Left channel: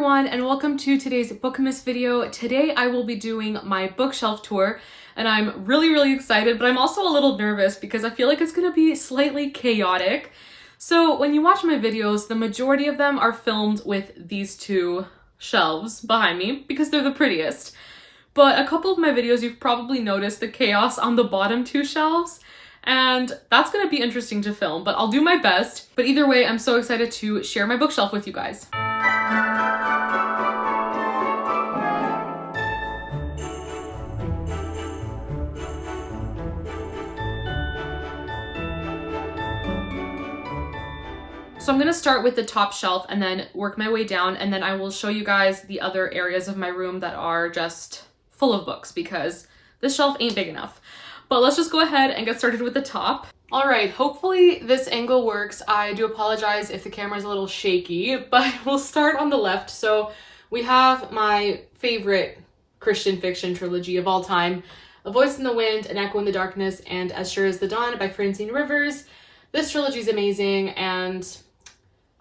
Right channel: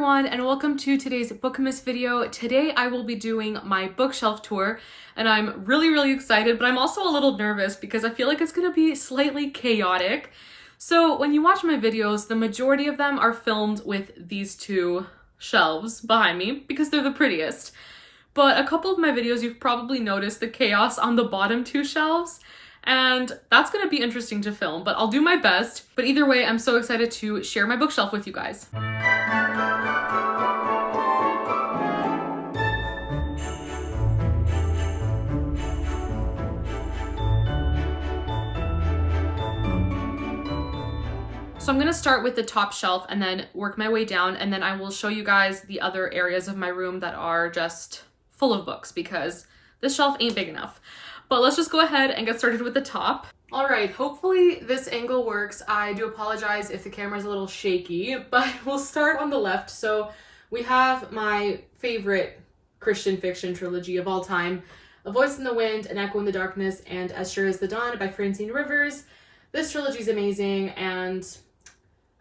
everyone, and welcome to today's Bookmas video. Today I will be doing my bookshelf tour, and I'm really excited, but I'm also a little nervous because I feel like it's gonna be slightly chaotic. So when you watch my videos, the majority of them are filmed with these two shelves behind me because they're the prettiest. But a couple of my videos, you've probably noticed the chaos on the bottom two shelves, and that's gonna be interesting to film, but I'll do my best. But either way, I'm so excited to share my bookshelf with you guys. So I'm gonna start with the top shelf and then work my way down, and then I will show you guys the other areas of my room that are just full of books because this shelf ain't big enough. But let's just go ahead and get started with the top. All right, hopefully this angle works. I do apologize if the camera's a little shaky, but we'll start on the left. So we have my favorite Christian fiction trilogy of all time, A Voice in the Wind, An Echo in the Darkness, and As Sure as the Dawn by Francine Rivers. This trilogy is amazing, and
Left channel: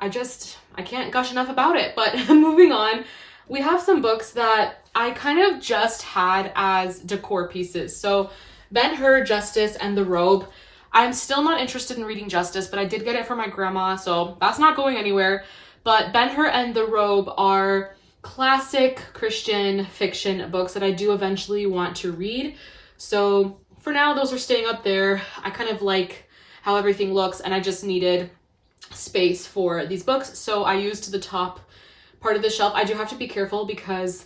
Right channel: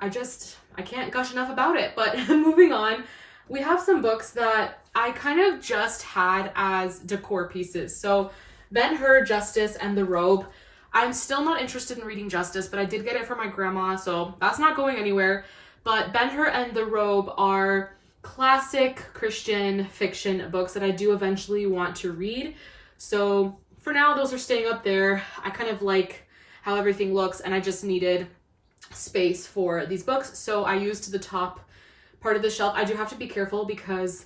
I can't gush enough about it. But moving on, we have some books that I kind of just had as decor pieces. So Ben-Hur, Justice, and the Robe. I'm still not interested in reading Justice, but I did get it for my grandma, so that's not going anywhere. But Ben-Hur and the Robe are classic Christian fiction books that I do eventually want to read. So for now, those are staying up there. I kind of like how everything looks, and I just needed space for these books, so I used the top part of the shelf. I do have to be careful because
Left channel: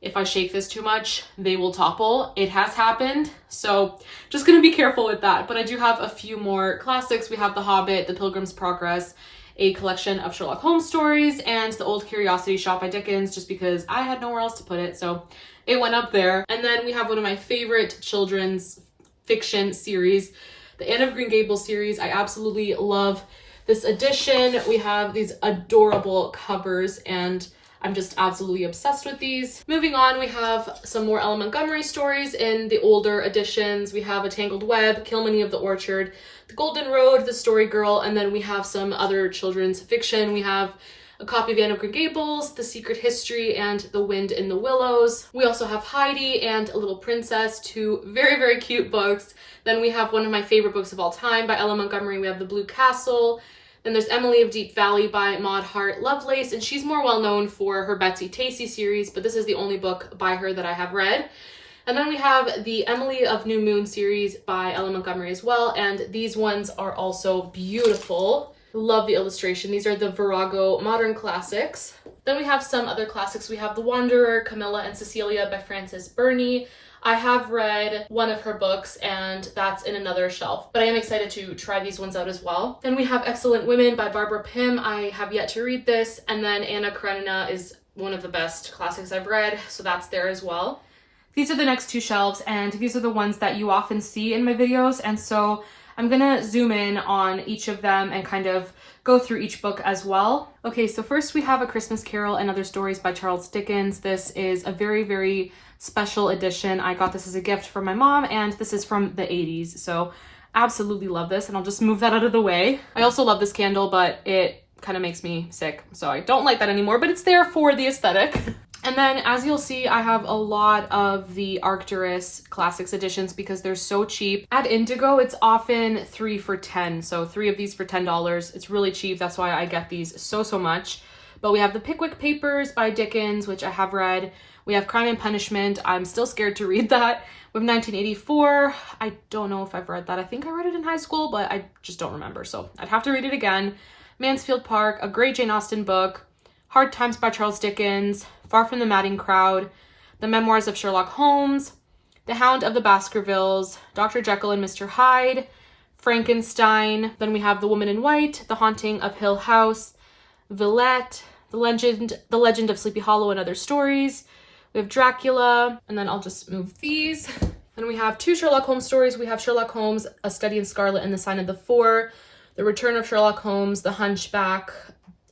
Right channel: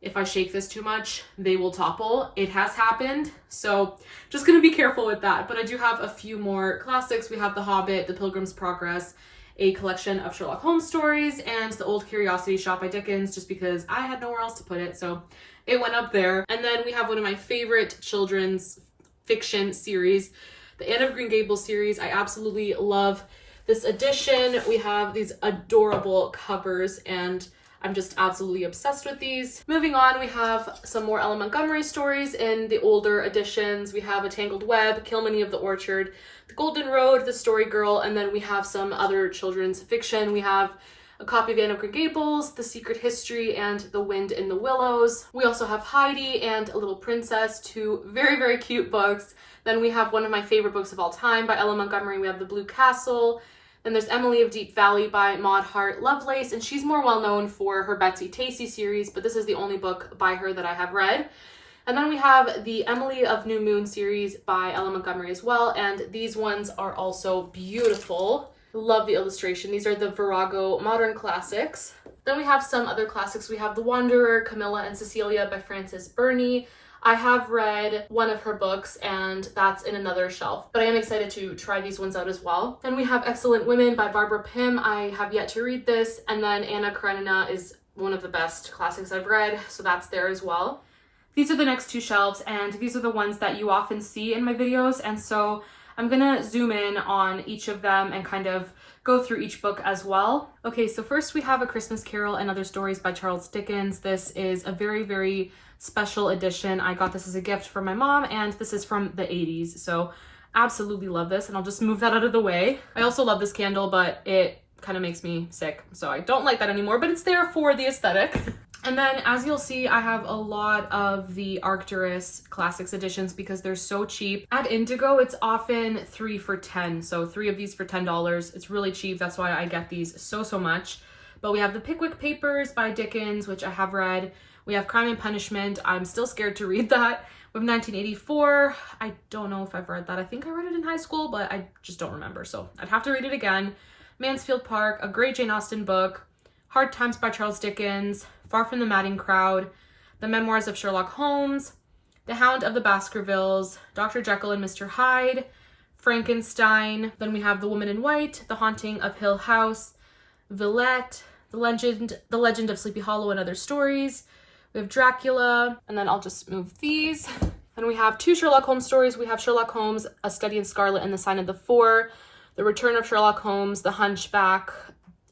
if I shake this too much, they will topple. It has happened, so just gonna be careful with that. But I do have a few more classics. We have The Hobbit, The Pilgrim's Progress, a collection of Sherlock Holmes stories, and The Old Curiosity Shop by Dickens, just because I had nowhere else to put it, so it went up there. And then we have one of my favorite children's fiction series, the Anne of Green Gables series. I absolutely love this edition. We have these adorable covers, and I'm just absolutely obsessed with these. Moving on, we have some more Ella Montgomery stories in the older editions. We have A Tangled Web, Kilmeny of the Orchard, The Golden Road, The Story Girl, and then we have some other children's fiction. We have a copy of Anne of Green Gables, The Secret History, and The Wind in the Willows. We also have Heidi and A Little Princess, two very cute books. Then we have one of my favorite books of all time by Ella Montgomery. We have The Blue Castle. Then there's Emily of Deep Valley by Maud Hart Lovelace, and she's more well known for her Betsy Tacy series, but this is the only book by her that I have read. And then we have the Emily of New Moon series by Ella Montgomery as well, and these ones are also beautiful. Love the illustration. These are the Virago Modern Classics. Then we have some other classics. We have The Wanderer, Camilla and Cecilia by Frances Burney. I have read one of her books, and that's in another shelf, but I am excited to try these ones out as well. Then we have Excellent Women by Barbara Pym. I have yet to read this. And then Anna Karenina is one of the best classics I've read, so that's there as well. These are the next two shelves, and these are the ones that you often see in my videos, and so I'm gonna zoom in on each of them and kind of go through each book as well. Okay, so first we have A Christmas Carol and Other Stories by Charles Dickens. This is a very special edition. I got this as a gift from my mom, and this is from the 80s, so absolutely love this, and I'll just move that out of the way. I also love this candle, but it kind of makes me sick, so I don't like that anymore, but it's there for the aesthetic. And then, as you'll see, I have a lot of the Arcturus Classics editions because they're so cheap. At Indigo, it's often 3 for $10, so 3 of these for $10. It's really cheap, that's why I get these so much. But we have the Pickwick Papers by Dickens, which I have read. We have Crime and Punishment. I'm still scared to read that. We have 1984. I don't know if I've read that. I think I read it in high school, but I just don't remember, so I'd have to read it again. Mansfield Park, a great Jane Austen book. Hard Times by Charles Dickens. Far from the Madding Crowd. The Memoirs of Sherlock Holmes. The Hound of the Baskervilles. Dr. Jekyll and Mr. Hyde. Frankenstein. Then we have The Woman in White. The Haunting of Hill House. Villette. The Legend of Sleepy Hollow and Other Stories. We have Dracula, and then I'll just move these. Then we have 2 Sherlock Holmes stories. We have Sherlock Holmes, A Study in Scarlet and the Sign of the Four, The Return of Sherlock Holmes, The Hunchback,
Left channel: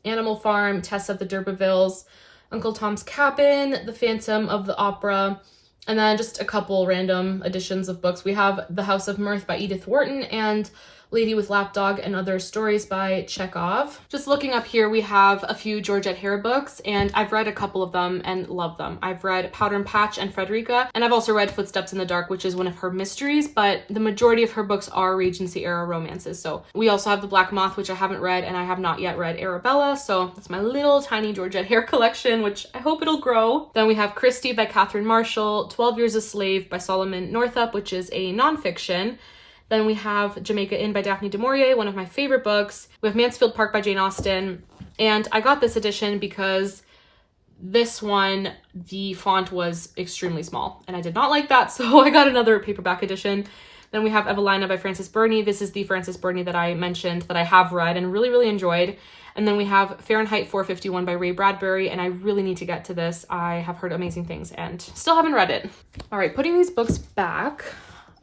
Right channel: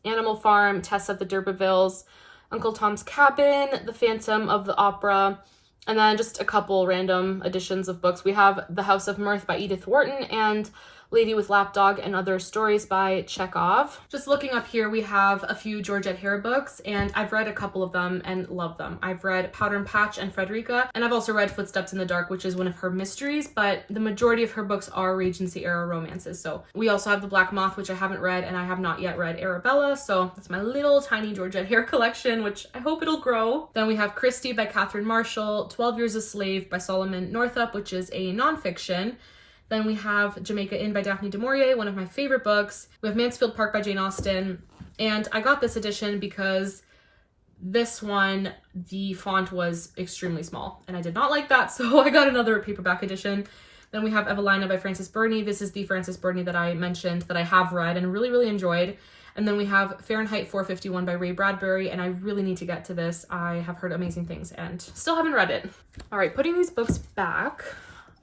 Animal Farm, Tess of the D'Urbervilles, Uncle Tom's Cabin, The Phantom of the Opera, and then just a couple random editions of books. We have The House of Mirth by Edith Wharton and Lady with Lapdog and Other Stories by Chekhov. Just looking up here, we have a few Georgette Hare books, and I've read a couple of them and love them. I've read Powder and Patch and Frederica, and I've also read Footsteps in the Dark, which is one of her mysteries, but the majority of her books are Regency era romances. So we also have The Black Moth, which I haven't read, and I have not yet read Arabella, so that's my little tiny Georgette Hare collection, which I hope it'll grow. Then we have Christie by Catherine Marshall, 12 Years a Slave by Solomon Northup, which is a nonfiction. Then we have Jamaica Inn by Daphne du Maurier, one of my favorite books. We have Mansfield Park by Jane Austen. And I got this edition because this one, the font was extremely small. And I did not like that, so I got another paperback edition. Then we have Evelina by Frances Burney. This is the Frances Burney that I mentioned that I have read and really, really enjoyed. And then we have Fahrenheit 451 by Ray Bradbury, and I really need to get to this. I have heard amazing things and still haven't read it. All right, putting these books back.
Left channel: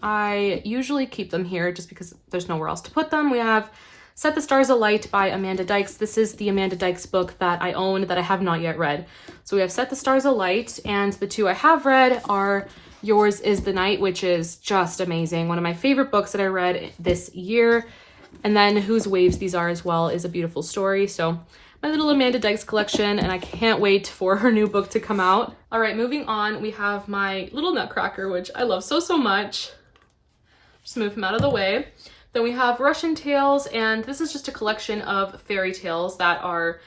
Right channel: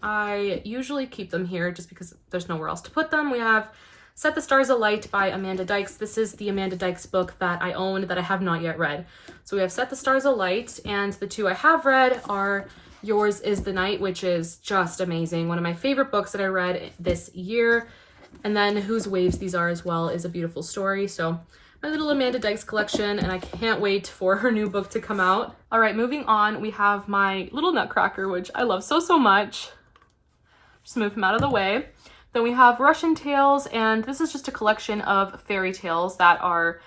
I usually keep them here just because there's nowhere else to put them. We have Set the Stars Alight by Amanda Dykes. This is the Amanda Dykes book that I own that I have not yet read. So we have Set the Stars Alight, and the two I have read are Yours is the Night, which is just amazing. One of my favorite books that I read this year. And then Whose Waves These Are as well is a beautiful story. So my little Amanda Dykes collection, and I can't wait for her new book to come out. All right, moving on, we have my little Nutcracker, which I love so, so much. Just move him out of the way. Then we have Russian Tales, and this is just a collection of fairy tales that are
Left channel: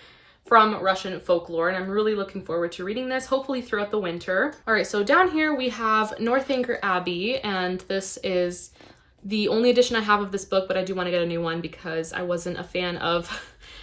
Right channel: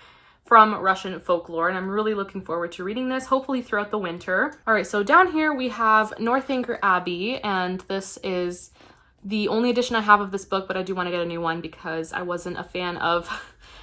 from Russian folklore, and I'm really looking forward to reading this, hopefully throughout the winter. All right, so down here we have Northanger Abbey, and this is the only edition I have of this book, but I do want to get a new one because I wasn't a fan of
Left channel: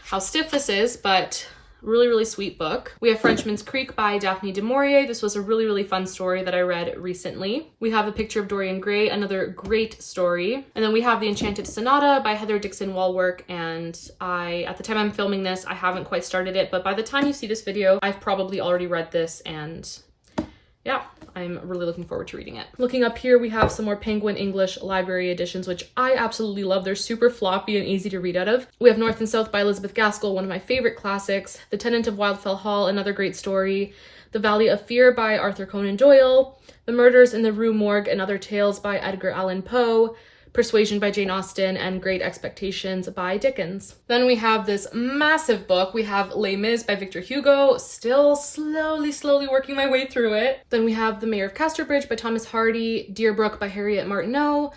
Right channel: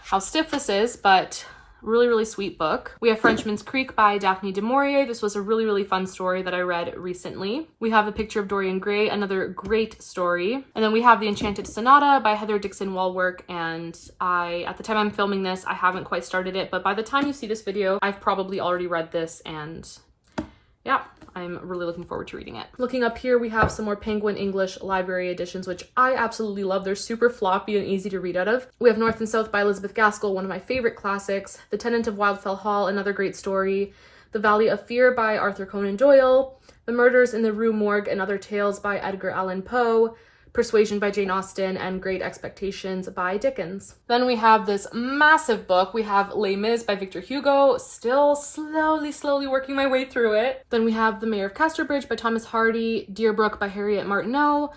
how stiff this is, but really, really sweet book. We have Frenchman's Creek by Daphne du Maurier. This was a really, really fun story that I read recently. We have A Picture of Dorian Gray, another great story. And then we have The Enchanted Sonata by Heather Dixon Walwork, and at the time I'm filming this, I haven't quite started it, but by the time you see this video, I've probably already read this, and yeah, I'm really looking forward to reading it. Looking up here, we have some more Penguin English library editions, which I absolutely love. They're super floppy and easy to read out of. We have North and South by Elizabeth Gaskell, one of my favorite classics. The Tenant of Wildfell Hall, another great story. The Valley of Fear by Arthur Conan Doyle. The Murders in the Rue Morgue and Other Tales by Edgar Allan Poe. Persuasion by Jane Austen, and Great Expectations by Dickens. Then we have this massive book. We have Les Mis by Victor Hugo, still slowly working my way through it. Then we have The Mayor of Casterbridge by Thomas Hardy, Deerbrook by Harriet Martineau,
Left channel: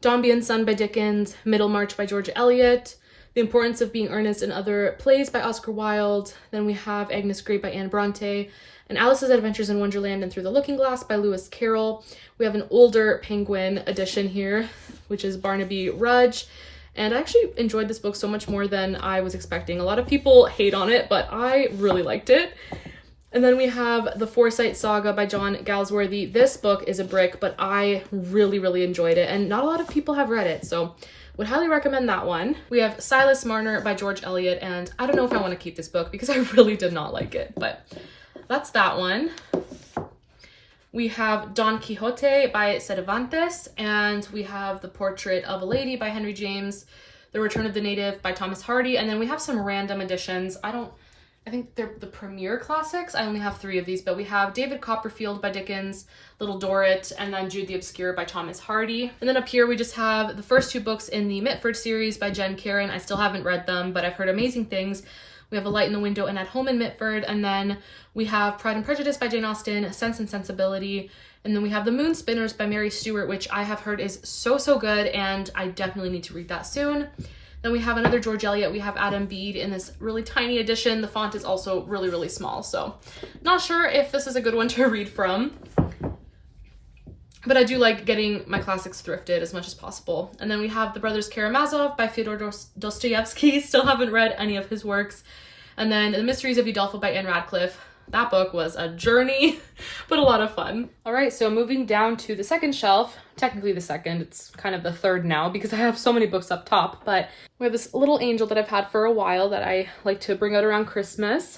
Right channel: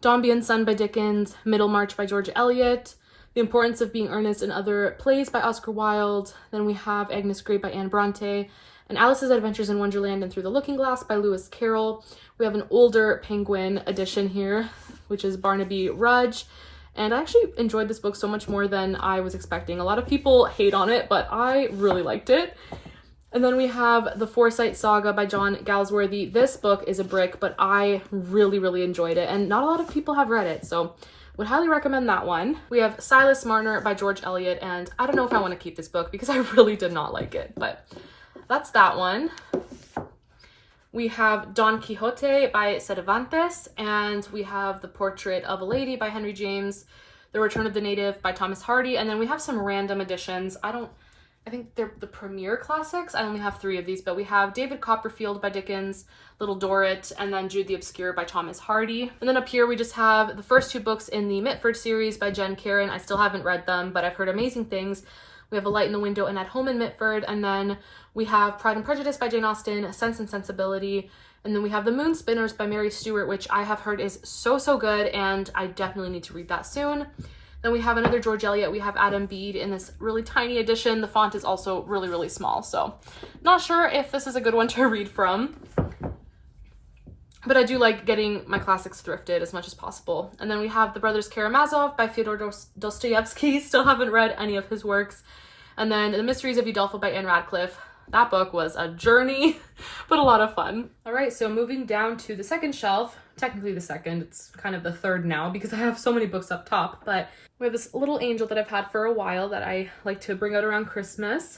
Dombey and Son by Dickens, Middlemarch by George Eliot, The Importance of Being Earnest and Other Plays by Oscar Wilde. Then we have Agnes Grey by Anne Bronte, and Alice's Adventures in Wonderland and Through the Looking Glass by Lewis Carroll. We have an older Penguin edition here, which is Barnaby Rudge. And I actually enjoyed this book so much more than I was expecting. A lot of people hate on it, but I really liked it. And then we have The Forsyte Saga by John Galsworthy. This book is a brick, but I really, really enjoyed it. And not a lot of people have read it, so would highly recommend that one. We have Silas Marner by George Eliot, and I don't know if I want to keep this book because I really did not like it, but that's that one. We have Don Quixote by Cervantes, and we have The Portrait of a Lady by Henry James, The Return of the Native by Thomas Hardy, and then we have some random editions. I think they're the premier classics. I only have 3 of these, but we have David Copperfield by Dickens, Little Dorrit, and then Jude the Obscure by Thomas Hardy. And then up here we just have the first 2 books in the Mitford series by Jen Karen. I still haven't read them, but I've heard amazing things. We have A Light in the Window and At Home in Mitford, and then we have Pride and Prejudice by Jane Austen, Sense and Sensibility, and then we have The Moon Spinners by Mary Stewart, which I have heard is so, so good, and I definitely need to read that soon. Then we have another George Eliot. We have Adam Bede in this really tiny edition. The font is also really, really small, so not sure if this is a good one to read from. But I do like getting my classics thrifted as much as possible. And then we have The Brothers Karamazov by Fyodor Dostoevsky. Still haven't read any of his works. And then The Mysteries of Udolpho by Anne Radcliffe. That book was a journey, but a lot of fun. All right, so moving down to the second shelf, technically the second, it's kind of the third now because I have so many books up top, but we have this little angel that I've had for a while that I like to bring out around Christmas.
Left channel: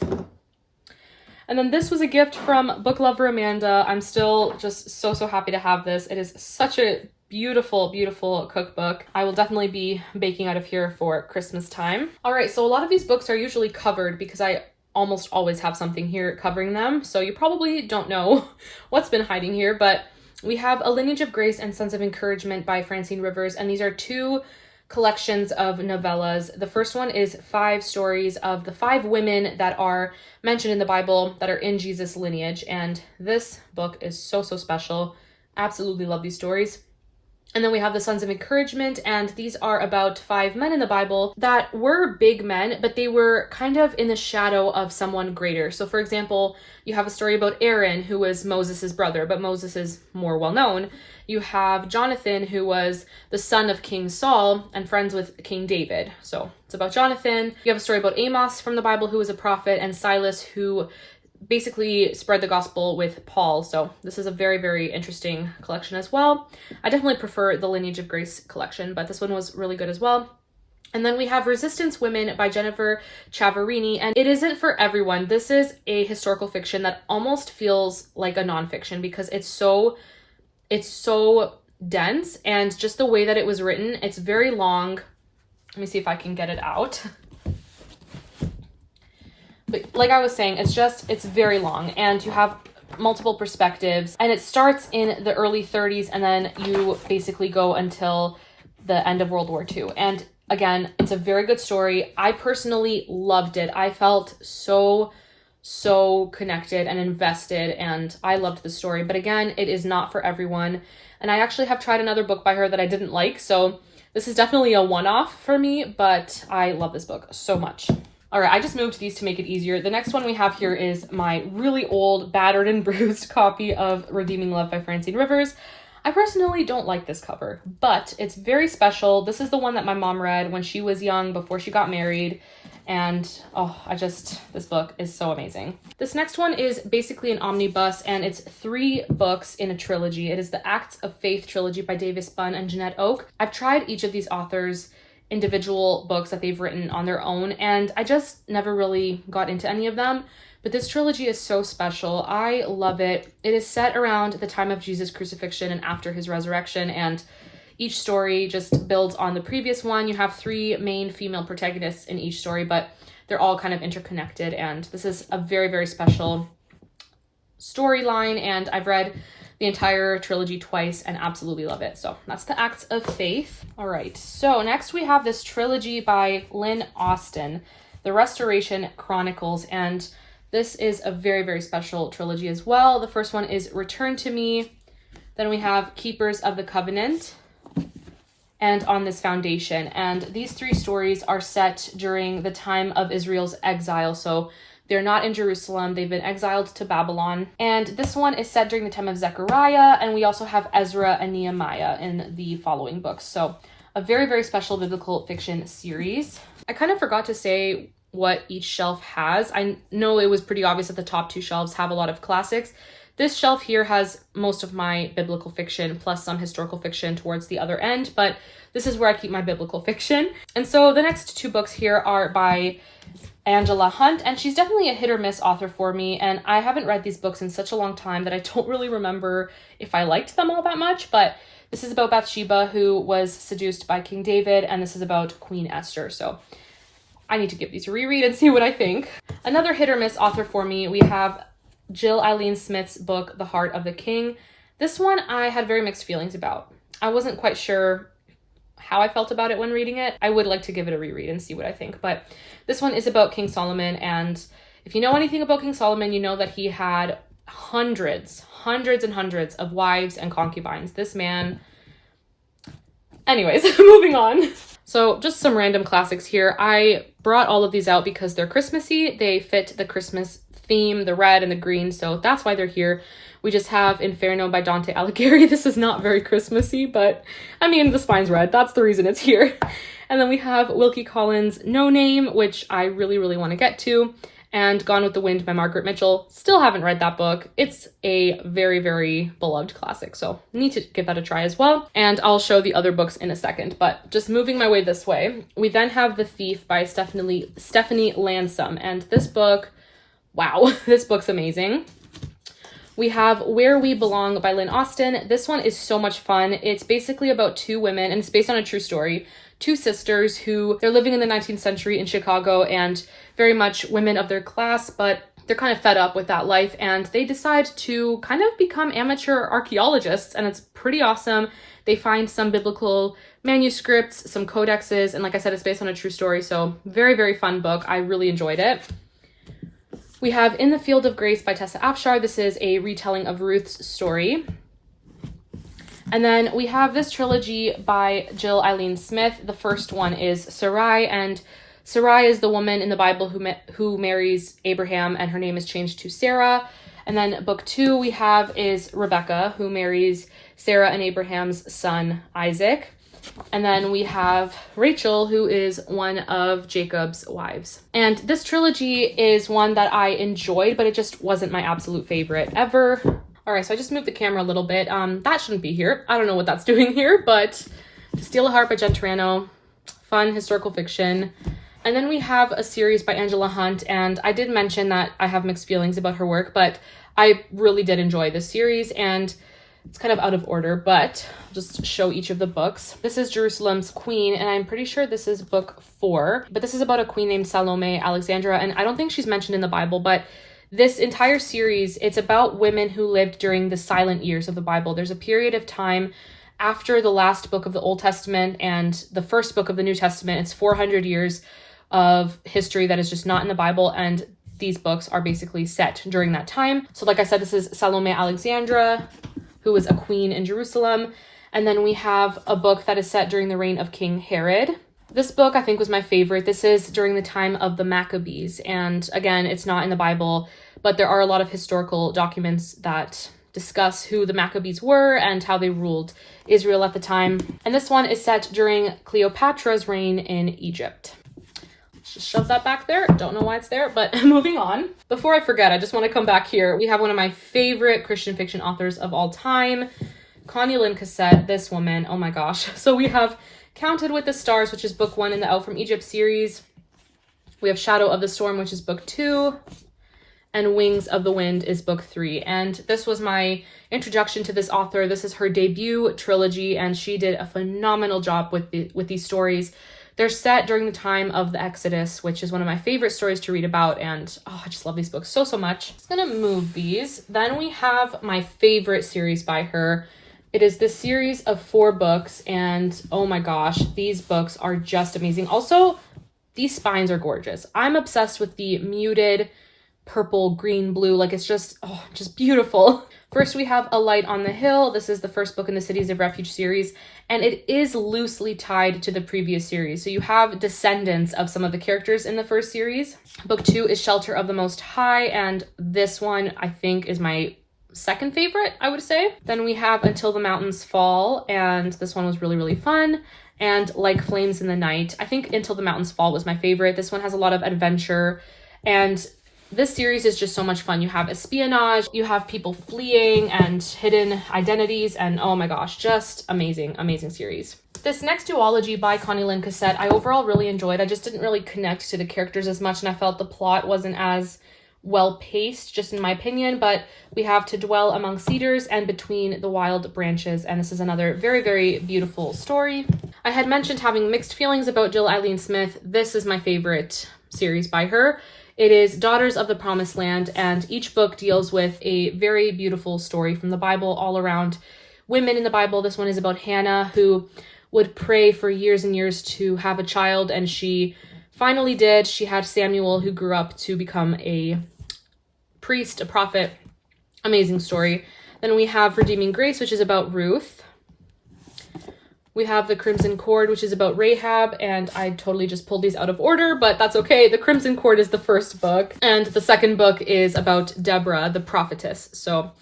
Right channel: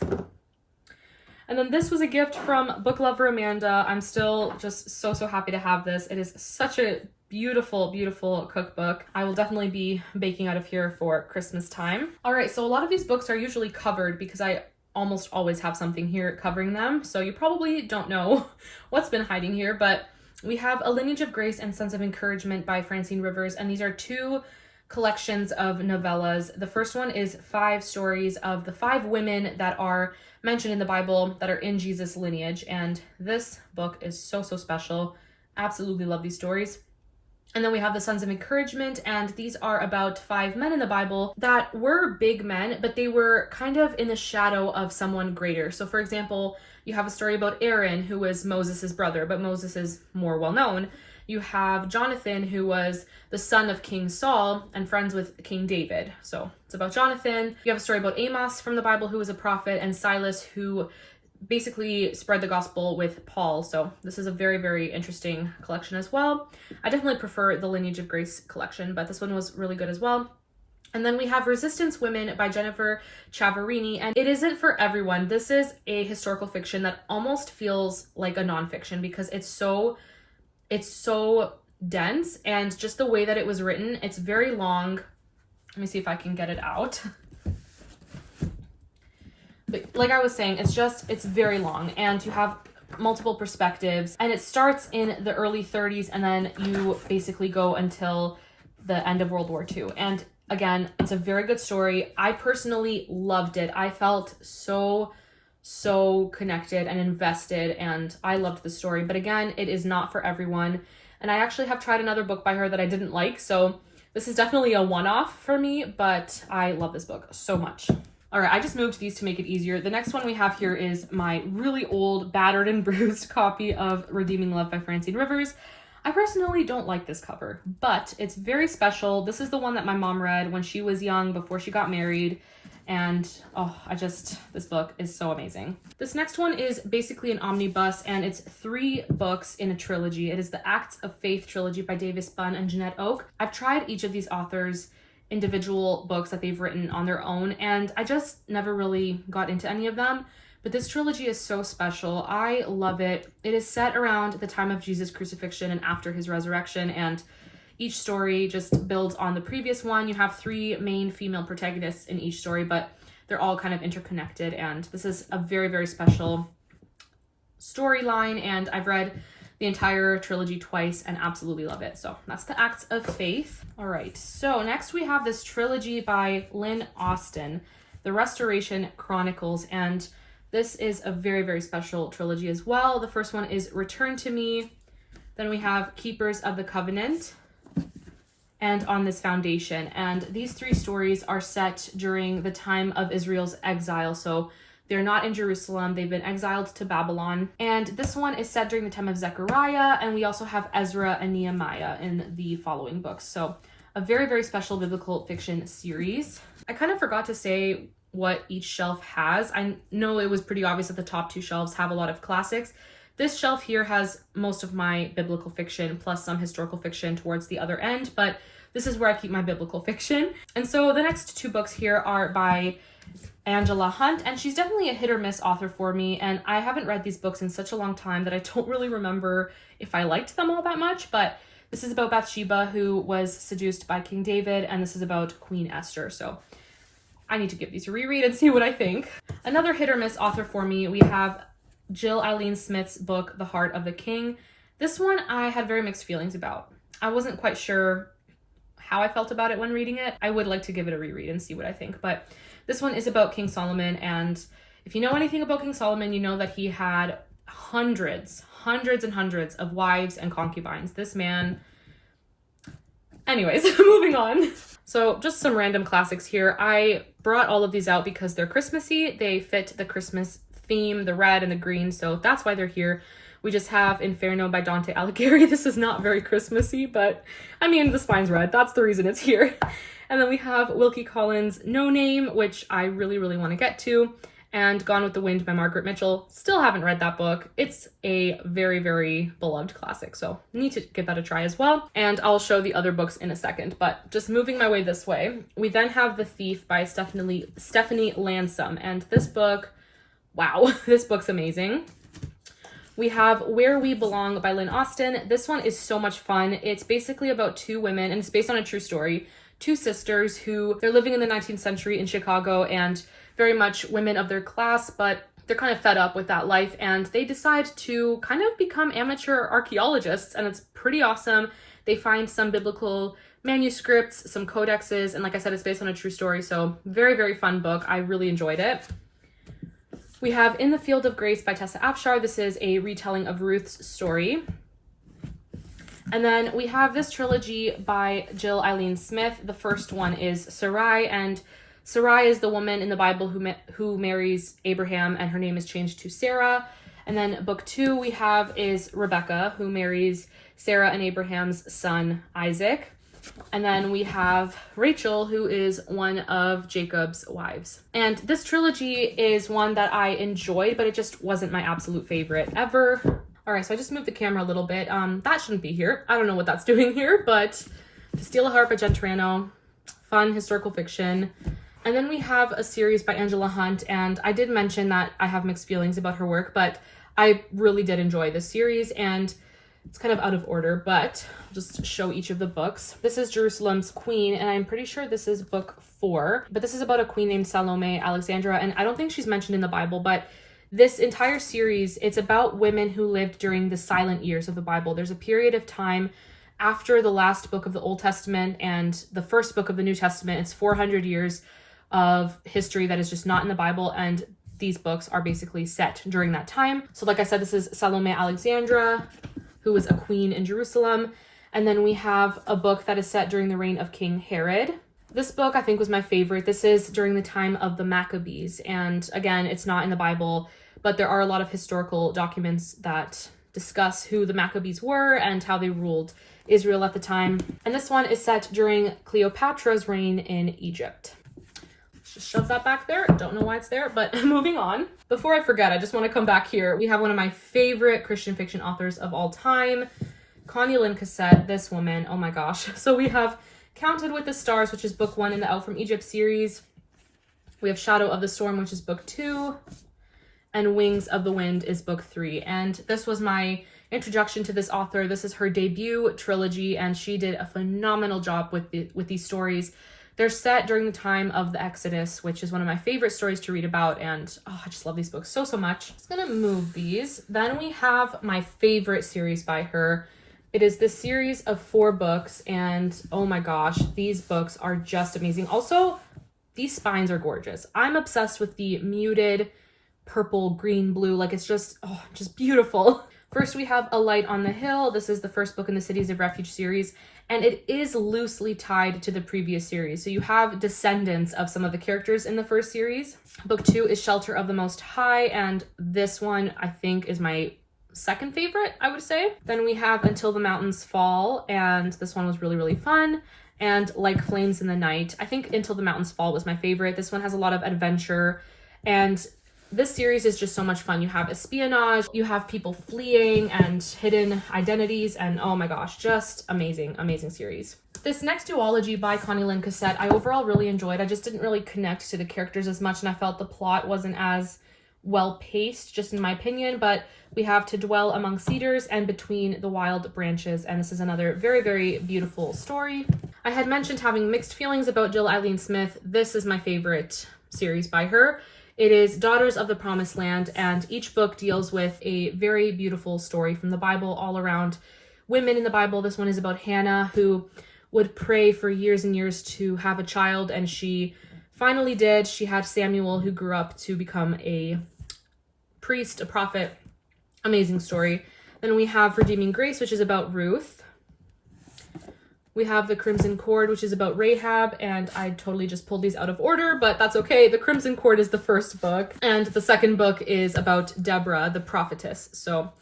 And then this was a gift from Book Lover Amanda. I'm still just so, so happy to have this. It is such a beautiful, beautiful cookbook. I will definitely be baking out of here for Christmas time. All right, so a lot of these books are usually covered because I almost always have something here covering them. So you probably don't know what's been hiding here, but we have A Lineage of Grace and Sense of Encouragement by Francine Rivers. And these are 2 collections of novellas. The first one is 5 stories of the 5 women that are mentioned in the Bible that are in Jesus' lineage. And this book is so, so special. Absolutely love these stories. And then we have the Sons of Encouragement, and these are about 5 men in the Bible that were big men, but they were kind of in the shadow of someone greater. So for example, you have a story about Aaron, who was Moses' brother, but Moses is more well known. You have Jonathan, who was the son of King Saul and friends with King David. So it's about Jonathan. You have a story about Amos from the Bible, who was a prophet, and Silas, who basically spread the gospel with Paul. So this is a very, very interesting collection as well. I definitely prefer the Lineage of Grace collection, but this one was really good as well. And then we have Resistance Women by Jennifer Ciavarini, and it isn't for everyone. This is a historical fiction that almost feels like a nonfiction because it's so dense, and just the way that it was written, it's very long. Let me see if I can get it out. But like I was saying, it's very long, and you have multiple perspectives, and it starts in the early 30s, and then you basically go until the end of World War II. And again, it's a very good story. I personally loved it. I felt so connected and invested, and I loved the story. But again, it is not for everyone. And I actually have tried another book by her that I didn't like, so this is definitely a one-off for me, but I love this book so much. All right, I just moved these to make it easier. The next one we have here is my really old, battered and bruised copy of Redeeming Love by Francine Rivers. I personally don't like this cover, but it's very special. This is the one that my mom read when she was young, before she got married. And this book is so amazing. This next one is basically an omnibus, and it's 3 books in a trilogy. It is the Acts of Faith trilogy by Davis Bunn and Jeanette Oak. I've tried each of these authors' individual books that they've written on their own, and I just never really got into any of them. But this trilogy is so special. I love it. It is set around the time of Jesus' crucifixion and after his resurrection, and each story just builds on the previous one. You have 3 main female protagonists in each story, but they're all kind of interconnected, and this is a very, very special storyline, and I've read the entire trilogy twice and absolutely love it. So that's the Acts of Faith. All right, so next we have this trilogy by Lynn Austin, The Restoration Chronicles, and this is a very, very special trilogy as well. The first one is Return to Me. Then we have Keepers of the Covenant and On This Foundation. And these 3 stories are set during the time of Israel's exile. So they're not in Jerusalem. They've been exiled to Babylon. And this one is set during the time of Zechariah. And we also have Ezra and Nehemiah in the following books. So a very, very special biblical fiction series. I kind of forgot to say what each shelf has. I know it was pretty obvious that the top 2 shelves have a lot of classics. This shelf here has most of my biblical fiction plus some historical fiction towards the other end, but this is where I keep my biblical fiction. And so the next 2 books here are by Angela Hunt, and she's definitely a hit or miss author for me, and I haven't read these books in such a long time that I don't really remember if I liked them all that much. But this is about Bathsheba, who was seduced by King David, and this is about Queen Esther. So I need to give these a reread and see what I think. Another hit or miss author for me, we have Jill Eileen Smith's book, The Heart of the King. This one I had very mixed feelings about. I wasn't quite sure how I felt about it when reading it. I would like to give it a reread and see what I think. But this one is about King Solomon, and if you know anything about King Solomon, you know that he had hundreds and hundreds of wives and concubines. This man... Anyways, moving on. So just some random classics here. I brought all of these out because they're Christmassy. They fit the Christmas theme, the red and the green, so that's why they're here. We just have Inferno by Dante Alighieri. This is not very Christmassy, but I mean, the spine's red. That's the reason it's here. And then we have Wilkie Collins' No Name, which I really, really want to get to, and Gone with the Wind by Margaret Mitchell. Still haven't read that book. It's a very, very beloved classic, so need to give that a try as well. And I'll show the other books in a second, but just moving my way this way, we then have The Thief by Stephanie Lansom, and this book, wow, this book's amazing. We have Where We Belong by Lynn Austin. This one is so much fun. It's basically about 2 women, and it's based on a true story. 2 sisters who, they're living in the 19th century in Chicago, and very much women of their class, but they're kind of fed up with that life, and they decide to kind of become amateur archaeologists, and it's pretty awesome. They find some biblical manuscripts, some codexes, and like I said, it's based on a true story. So very, very fun book. I really enjoyed it. We have In the Field of Grace by Tessa Afshar. This is a retelling of Ruth's story. And then we have this trilogy by Jill Eileen Smith. The first one is Sarai, and Sarai is the woman in the Bible who marries Abraham, and her name is changed to Sarah. And then book 2 we have is Rebecca, who marries Sarah and Abraham's son Isaac. And then we have Rachel, who is one of Jacob's wives. And this trilogy is one that I enjoyed, but it just wasn't my absolute favorite ever. All right, so I just moved the camera a little bit. That shouldn't be here. I don't know what that's doing here, but To Steal a Heart by Jen Turano, fun historical fiction. And then we have a series by Angela Hunt, and I did mention that I have mixed feelings about her work, but I really did enjoy this series, and it's kind of out of order, but I'll just show each of the books. This is Jerusalem's Queen, and I'm pretty sure this is book 4, but this is about a queen named Salome Alexandra, and I don't think she's mentioned in the Bible, but this entire series, it's about women who lived during the silent years of the Bible. There's a period of time after the last book of the Old Testament and the first book of the New Testament. It's 400 years of history that is just not in the Bible, and these books are basically set during that time. So like I said, this is Salome Alexandra, who was a queen in Jerusalem. And then we have a book that is set during the reign of King Herod. This book I think was my favorite. This is during the time of the Maccabees. And again, it's not in the Bible, but there are a lot of historical documents that discuss who the Maccabees were and how they ruled Israel at the time. And this one is set during Cleopatra's reign in Egypt. Just shove that back there. Don't know why it's there, but moving on. Before I forget, I just want to come back here. We have one of my favorite Christian fiction authors of all time, Connie Lynn Cassette. This woman, oh my gosh. So we have Counted with the Stars, which is book 1 in the Out from Egypt series. We have Shadow of the Storm, which is book 2. And Wings of the Wind is book 3. And this was my introduction to this author. This is her debut trilogy, and she did a phenomenal job with these stories. They're set during the time of the Exodus, which is one of my favorite stories to read about, and oh, I just love these books so much. I'm just gonna move these. Then we have my favorite series by her. It is this series of 4 books, and oh my gosh, these books are just amazing. Also, these spines are gorgeous. I'm obsessed with the muted purple, green, blue, like it's just beautiful. First, we have A Light on the Hill. This is the first book in the Cities of Refuge series, and it is loosely tied to the previous series. So you have descendants of some of the characters in the first series. Book 2 is Shelter of the Most High, and this one I think is my second favorite, I would say. Then we have Until the Mountains Fall, and this one was really, really fun. And Like Flames in the Night. I think Until the Mountains Fall was my favorite. This one has a lot of adventure, and this series is just so much fun. You have espionage, you have people fleeing and hidden identities, and oh my gosh, just amazing, amazing series. This next duology by Connie Lynn Cassette, I overall really enjoyed. I just didn't really connect to the characters as much, and I felt the plot wasn't as well paced, just in my opinion, but we have To Dwell Among Cedars and Between the Wild Branches, and this is another very, very beautiful story. I had mentioned having mixed feelings about Jill Eileen Smith. This is my favorite series by her. It is Daughters of the Promised Land, and each book deals with a very beautiful story from the Bible all around women in the Bible. This one is about Hannah, who would pray for years and years to have a child, and she finally did. She had Samuel, who grew up to become a priest, a prophet. Amazing story. Then we have Redeeming Grace, which is about Ruth. We have The Crimson Cord, which is about Rahab, and I totally just pulled these out of order, but that's okay. The Crimson Cord is the first book, and the second book is about Deborah, the prophetess. So,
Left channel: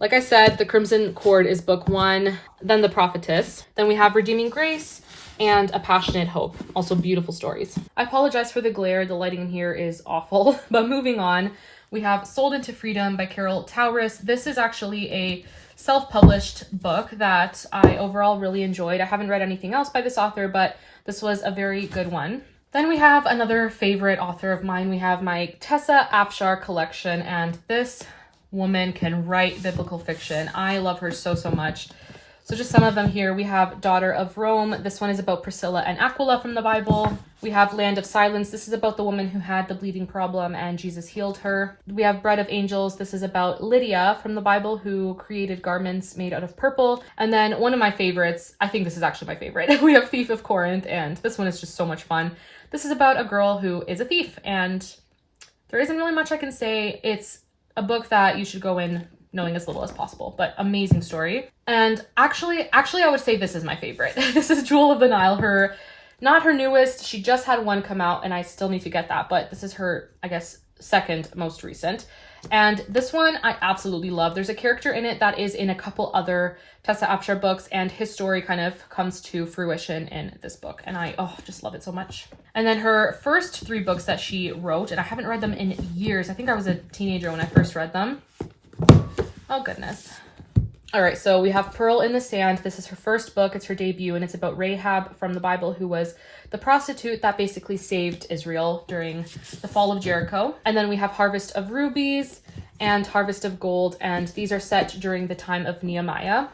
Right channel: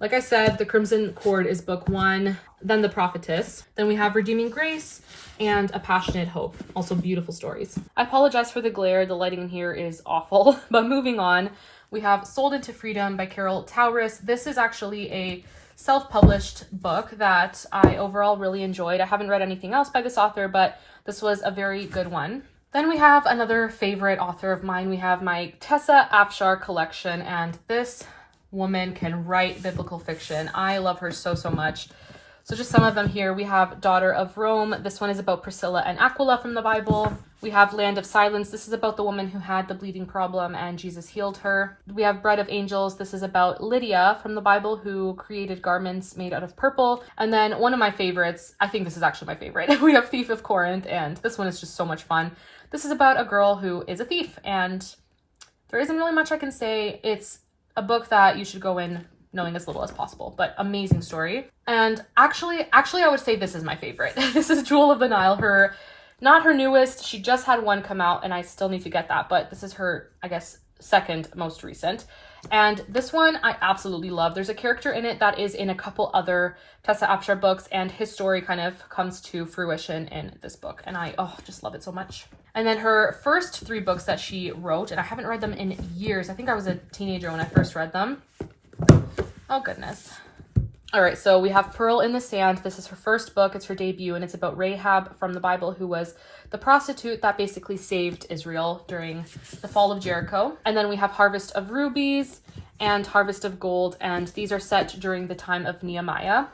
like I said, The Crimson Cord is book 1, then The Prophetess. Then we have Redeeming Grace and A Passionate Hope. Also beautiful stories. I apologize for the glare. The lighting in here is awful, but moving on, we have Sold into Freedom by Carol Towris. This is actually a self-published book that I overall really enjoyed. I haven't read anything else by this author, but this was a very good one. Then we have another favorite author of mine. We have my Tessa Afshar collection, and this woman can write biblical fiction. I love her so much. So just some of them here. We have Daughter of Rome. This one is about Priscilla and Aquila from the Bible. We have Land of Silence. This is about the woman who had the bleeding problem and Jesus healed her. We have Bread of Angels. This is about Lydia from the Bible who created garments made out of purple. And then one of my favorites, I think this is actually my favorite, we have Thief of Corinth, and this one is just so much fun. This is about a girl who is a thief, and there isn't really much I can say. It's a book that you should go in knowing as little as possible, but amazing story. And actually I would say this is my favorite. This is Jewel of the Nile, not her newest. She just had one come out and I still need to get that, but this is her, I guess, second most recent. And this one I absolutely love. There's a character in it that is in a couple other Tessa Afshar books, and his story kind of comes to fruition in this book. And I just love it so much. And then her first 3 books that she wrote, and I haven't read them in years. I think I was a teenager when I first read them. Oh goodness. All right, so we have Pearl in the Sand. This is her first book. It's her debut, and it's about Rahab from the Bible, who was the prostitute that basically saved Israel during the fall of Jericho. And then we have Harvest of Rubies and Harvest of Gold, and these are set during the time of Nehemiah.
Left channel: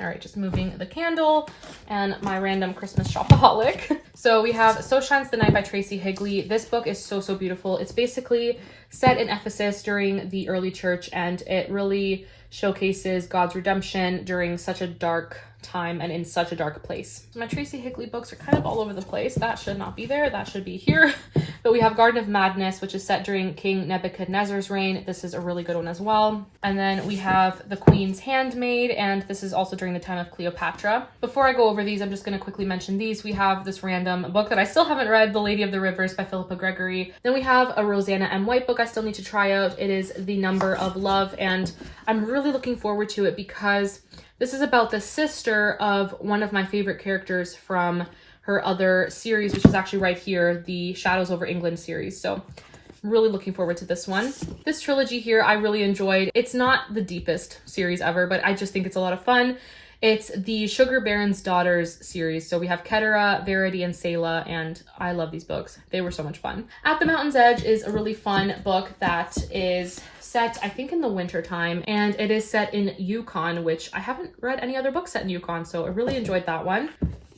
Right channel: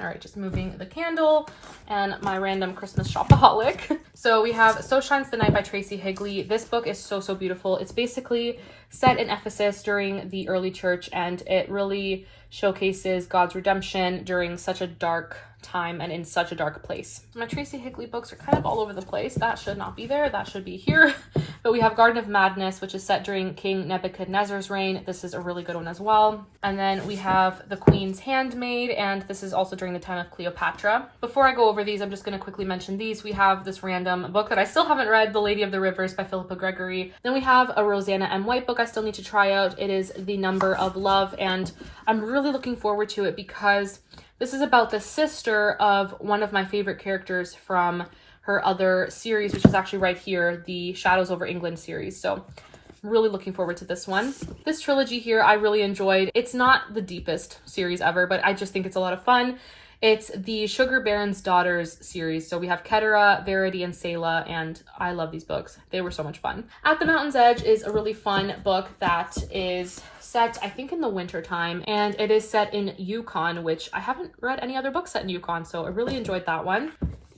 All right, just moving the candle and my random Christmas shopaholic. So we have So Shines the Night by Tracy Higley. This book is so beautiful. It's basically set in Ephesus during the early church, and it really showcases God's redemption during such a dark time and in such a dark place. My Tracy Higley books are kind of all over the place. That should not be there. That should be here. But we have Garden of Madness, which is set during King Nebuchadnezzar's reign. This is a really good one as well. And then we have The Queen's Handmaid, and this is also during the time of Cleopatra. Before I go over these, I'm just going to quickly mention these. We have this random book that I still haven't read, The Lady of the Rivers by Philippa Gregory. Then we have a Rosanna M. White book I still need to try out. It is The Number of Love, and I'm really looking forward to it because this is about the sister of one of my favorite characters from her other series, which is actually right here, the Shadows over England series. So I'm really looking forward to this one. This trilogy here I really enjoyed. It's not the deepest series ever, but I just think it's a lot of fun. It's the Sugar Baron's Daughters series. So we have Ketera, Verity, and Selah, and I love these books. They were so much fun. At the Mountain's Edge is a really fun book that is set, I think, in the winter time, and it is set in Yukon, which I haven't read any other books set in Yukon, so I really enjoyed that one.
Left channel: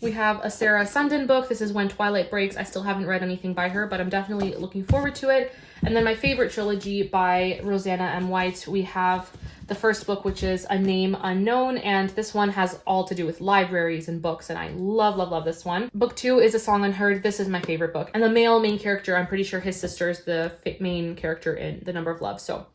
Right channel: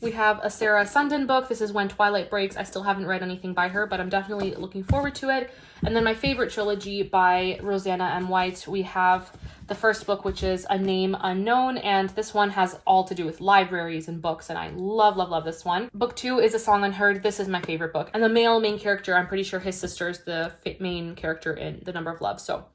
We have a Sarah Sundin book. This is When Twilight Breaks. I still haven't read anything by her, but I'm definitely looking forward to it. And then my favorite trilogy by Rosanna M. White. We have the first book, which is A Name Unknown, and this one has all to do with libraries and books, and I love this one. Book 2 is A Song Unheard. This is my favorite book. And the male main character, I'm pretty sure his sister is the main character in The Number of Love, so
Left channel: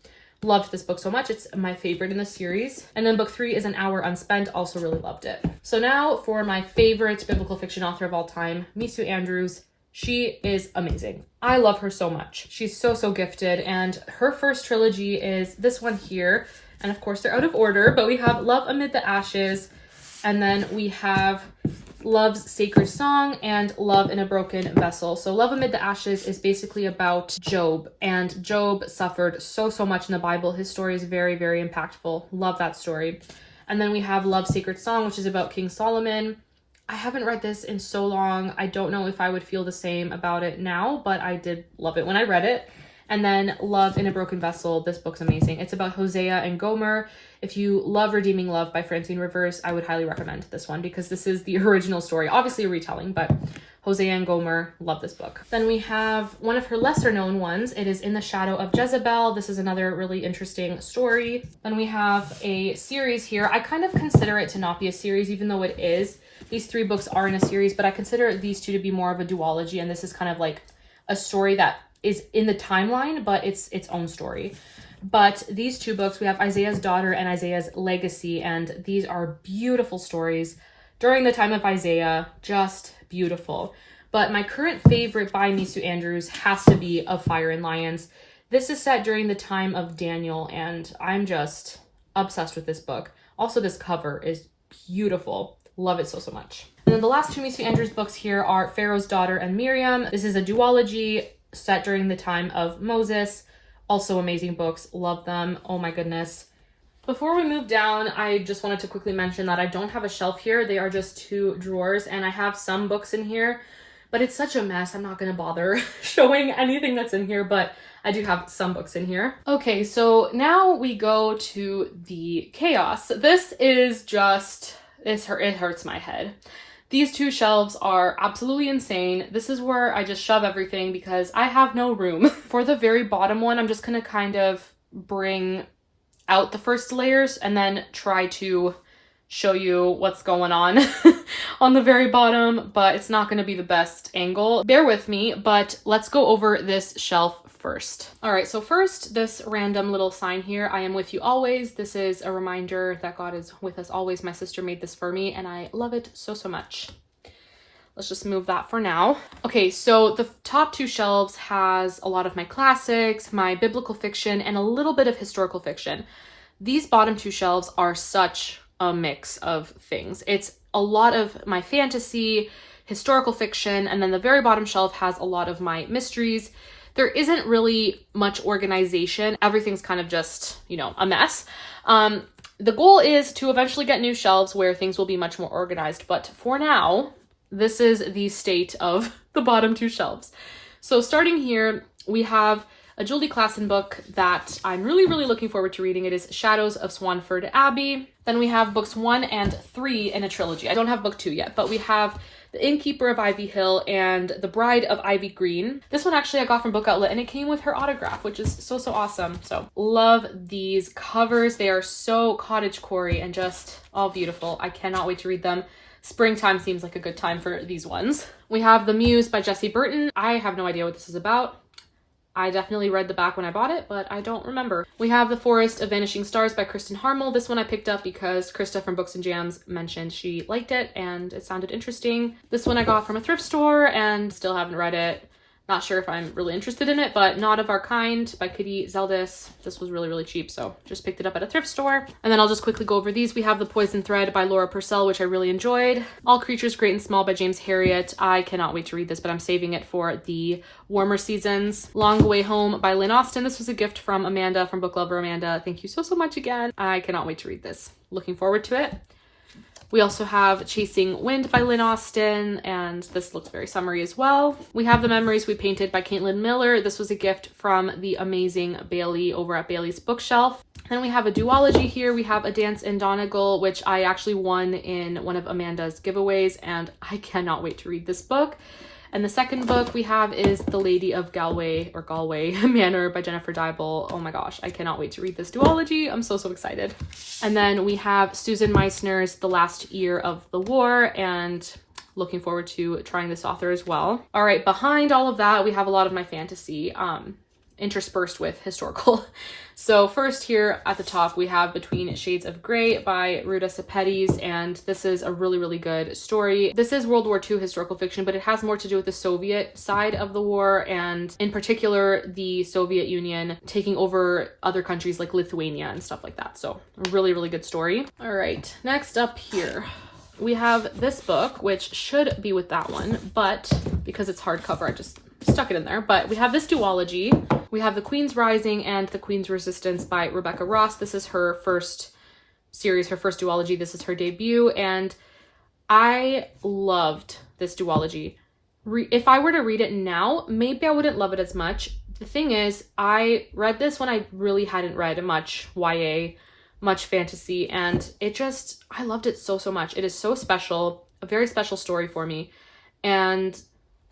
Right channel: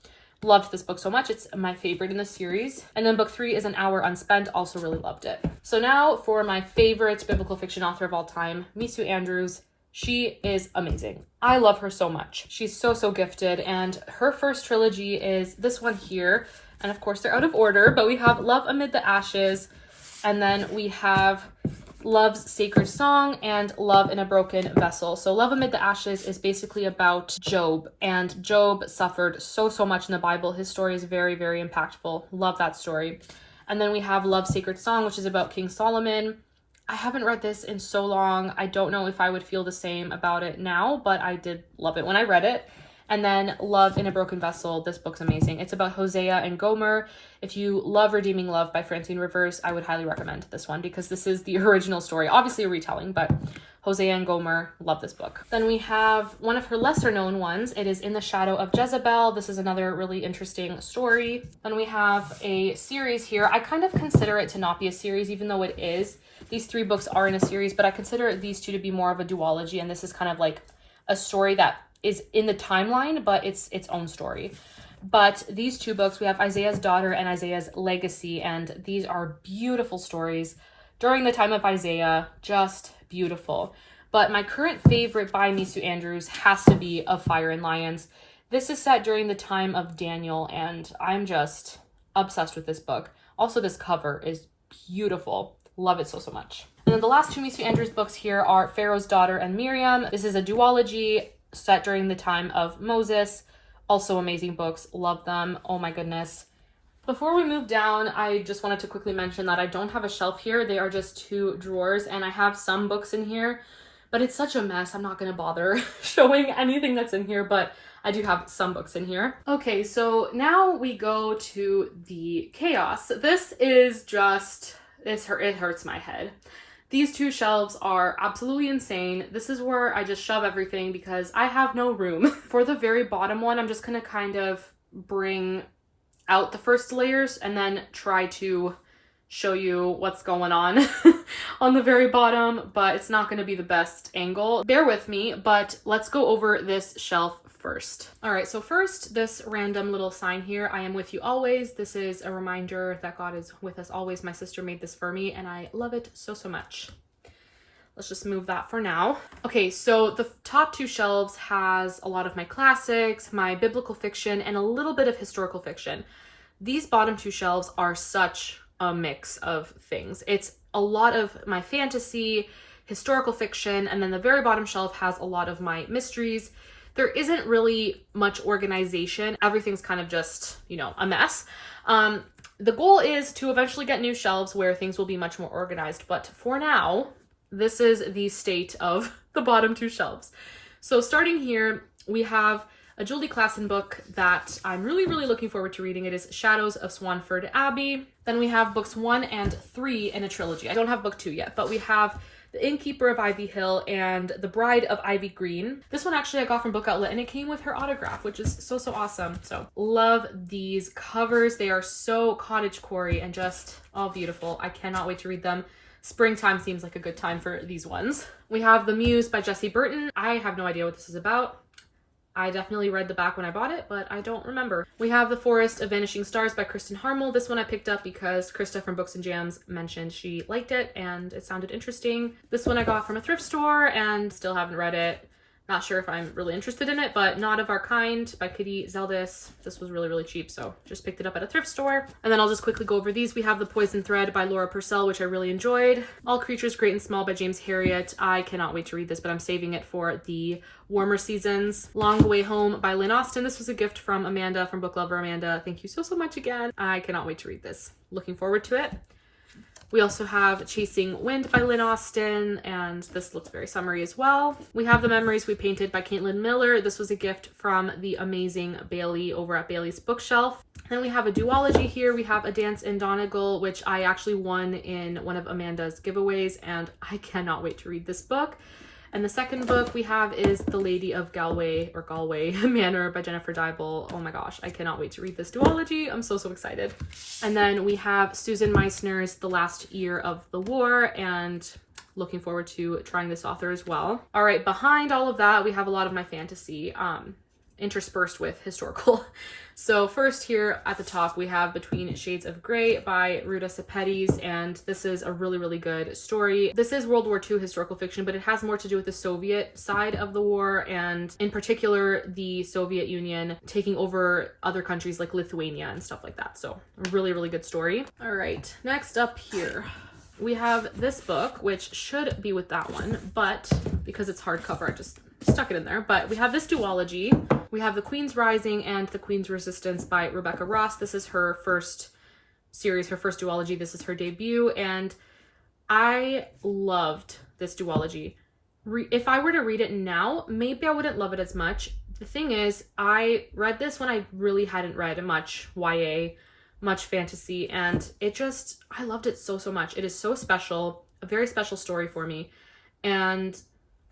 loved this book so much. It's my favorite in the series. And then book 3 is An Hour Unspent. Also really loved it. So now for my favorite biblical fiction author of all time, Misu Andrews. She is amazing. I love her so much. She's so gifted, and her first trilogy is this one here. And of course they're out of order, but we have Love Amid the Ashes, and then we have Love's Sacred Song and Love in a Broken Vessel. So Love Amid the Ashes is basically about Job, and Job suffered so much in the Bible. His story is very impactful. Love that story. And then we have Love's Sacred Song, which is about King Solomon. I haven't read this in so long. I don't know if I would feel the same about it now, but I did love it when I read it. And then Love in a Broken Vessel. This book's amazing. It's about Hosea and Gomer. If you love Redeeming Love by Francine Rivers, I would highly recommend this one because this is the original story. Obviously a retelling, but Hosea and Gomer, love this book. Then we have one of her lesser known ones. It is In the Shadow of Jezebel. This is another really interesting story. Then we have a series here. I kind of consider it to not be a series, even though it is. These 3 books are in a series, but I consider these 2 to be more of a duology, and this is kind of like a story that is in the timeline, but it's its own story. But these 2 books, we have Isaiah's Daughter and Isaiah's Legacy, and these are beautiful stories during the time of Isaiah, just beautiful. But my current favorite by Misu Andrews has to be Of Fire and Lions. This is set during the time of Daniel, and I'm just obsessed with this book. Also, this cover is beautiful. Love it so much. And then the last 2 Misu Andrews books here are Pharaoh's Daughter and Miriam. This is a duology set during the time of Moses. Also amazing books. Love them. Oh my goodness. Before we move down, I just wanted to quickly mention that I don't have a shelf here. They are just 2 drawers, and I have some books in here, but it's such a mess. I'm not going to bother showing anything that's in here, but I do have some books in here. Okay, so now we go to the chaos. This is just it hurts my head. These two shelves are absolutely insane. This is where I just shove everything because I have no room. For the very bottom one, I'm just gonna kind of bring out the first layers and then try to show you what's going on on the very bottom, but it's not gonna be the best angle. Bear with me, but let's go over this shelf first. All right, so first, this random little sign here, I am with you always. This is a reminder that God is with us always. My sister made this for me and I love it so, so much. Let's just move that for now. Okay, so the top two shelves has a lot of my classics, my biblical fiction, and a little bit of historical fiction. These bottom two shelves are such a mix of things. It's a lot of my fantasy, historical fiction, and then the very bottom shelf has a lot of my mysteries. There isn't really much organization. Everything's kind of just, you know, a mess. The goal is to eventually get new shelves where things will be much more organized. But for now, this is the state of the bottom two shelves. So starting here, we have a Julie Klassen book that I'm really, really looking forward to reading. It is Shadows of Swanford Abbey. Then we have books 1 and 3 in a trilogy. I don't have book 2 yet, but we have The Innkeeper of Ivy Hill and The Bride of Ivy Green. This one actually I got from Book Outlet and it came with her autograph, which is so, so awesome. So love these covers. They are so cottagecore and just all beautiful. I cannot wait to read them. Springtime seems like a good time for these ones. We have The Muse by Jessie Burton. I have no idea what this is about. I definitely read the back when I bought it, but I don't remember. We have The Forest of Vanishing Stars by Kristen Harmel. This one I picked up because Krista from Books and Jams mentioned she liked it and it sounded interesting. This one I got from a thrift store and still haven't read it. Not sure if I'm really interested in it, but Not of Our Kind by Kitty Zeldis. This was really, really cheap, so just picked it up at a thrift store. And then I'll just quickly go over these. We have The Poison Thread by Laura Purcell, which I really enjoyed. All Creatures Great and Small by James Herriot. I cannot wait to read this, but I'm saving it for the warmer seasons. Long Way Home by Lynn Austin. This was a gift from Amanda, from Book Lover Amanda. Thank you so, so much again. I cannot wait to read this. Looking forward to it. We also have Chasing Wind by Lynn Austin, and this looks very summery as well. We have The Memories We Painted by Caitlin Miller. This was a gift from the amazing Bailey over at Bailey's Bookshelf. Then we have a duology here. We have A Dance in Donegal, which I actually won in one of Amanda's giveaways, and I cannot wait to read this book. And the second book we have is The Lady of Galway Manor by Jennifer Dybel. Oh my gosh, I cannot wait to read this duology. I'm so, so excited. And then we have Susan Meissner's The Last Year of the War, and looking forward to trying this author as well. All right, behind all of that, we have a lot of my fantasy, interspersed with historical. So first here at the top, we have Between Shades of Grey by Ruta Sepetys, and this is a really, really good story. This is World War II historical fiction, but it has more to do with the Soviet side of the war, and in particular, the Soviet Union taking over other countries like Lithuania and stuff like that. So a really, really good story. All right, next up here, we have this book, which should be with that one, but because it's hardcover, I just stuck it in there. But we have this duology. We have The Queen's Rising and The Queen's Resistance by Rebecca Ross. This is her first series, her first duology. This is her debut, and I loved this duology. If I were to read it now, maybe I wouldn't love it as much. The thing is, I read this when I really hadn't read much YA, much fantasy, and I loved it so, so much. It is so special, a very special story for me, and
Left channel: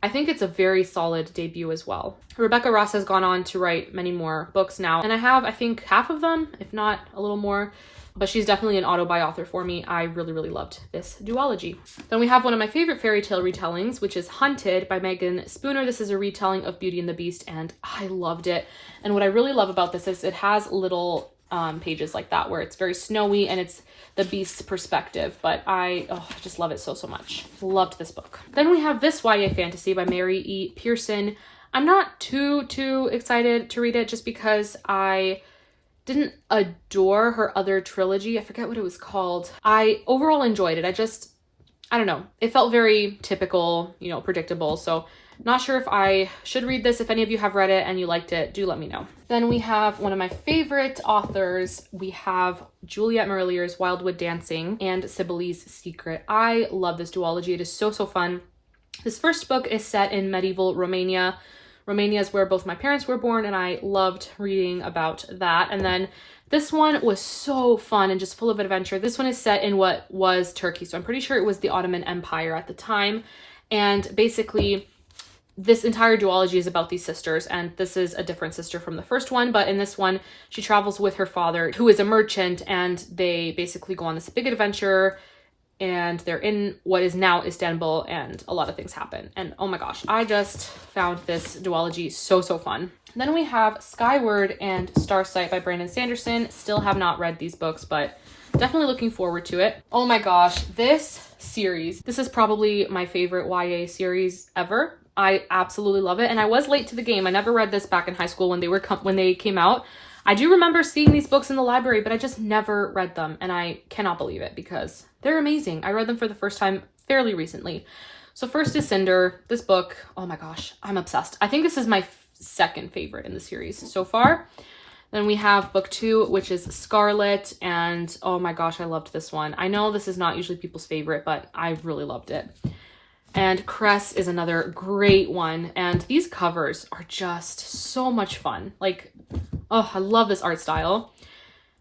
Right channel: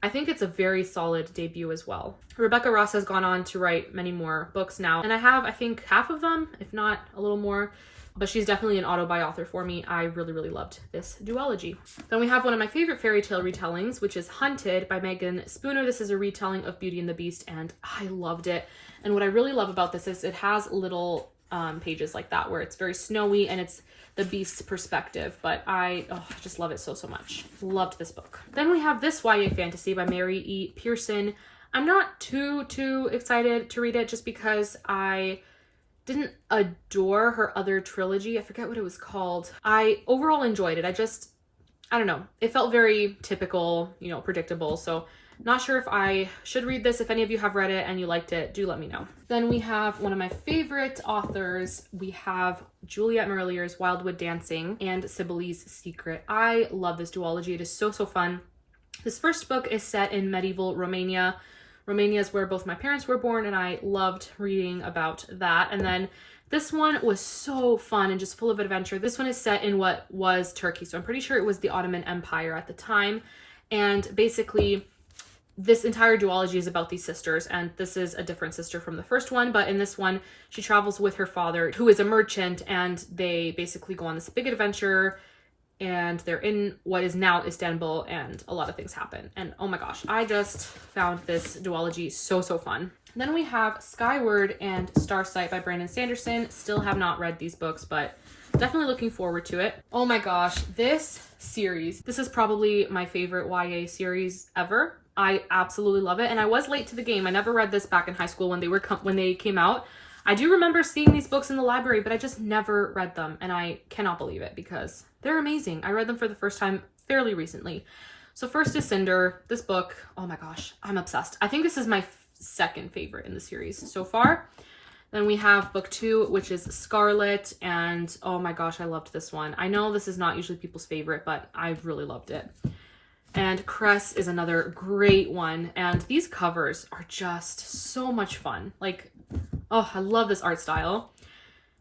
I think it's a very solid debut as well. Rebecca Ross has gone on to write many more books now, and I have, I think, half of them, if not a little more, but she's definitely an auto-buy author for me. I really, really loved this duology. Then we have one of my favorite fairy tale retellings, which is Hunted by Megan Spooner. This is a retelling of Beauty and the Beast, and I loved it. And what I really love about this is it has little pages like that where it's very snowy and it's the Beast's perspective, but I just love it so, so much. Loved this book. Then we have this YA fantasy by Mary E. Pearson. I'm not too excited to read it just because I didn't adore her other trilogy. I forget what it was called. I overall enjoyed it. I don't know. It felt very typical, you know, predictable. So not sure if I should read this. If any of you have read it and you liked it, do let me know. Then we have one of my favorite authors. We have Juliet Marillier's Wildwood Dancing and Sibylline's Secret. I love this duology. It is so, so fun. This first book is set in medieval Romania. Romania is where both my parents were born, and I loved reading about that. And then This one was so fun and just full of adventure. This one is set in what was Turkey, so I'm pretty sure it was the Ottoman Empire at the time. And basically, this entire duology is about these sisters, and this is a different sister from the first one, but in this one, she travels with her father, who is a merchant, and they basically go on this big adventure, and they're in what is now Istanbul, and a lot of things happen. And oh my gosh, I just found this duology so fun. Then we have Skyward and Starsight by Brandon Sanderson. Still have not read these books, but definitely looking forward to it. Oh my gosh, this series, this is probably my favorite YA series ever. I absolutely love it, and I was late to the game. I never read this back in high school when they came out. I do remember seeing these books in the library, but I just never read them, and I cannot believe it because they're amazing. I read them for the first time fairly recently. So first is Cinder. This book, oh my gosh, I'm obsessed. I think this is my second favorite in the series so far. Then we have book 2, which is Scarlet, and oh my gosh, I loved this one. I know this is not usually people's favorite, but I really loved it. And Cress is another great one, and these covers are just so much fun. Like, oh, I love this art style.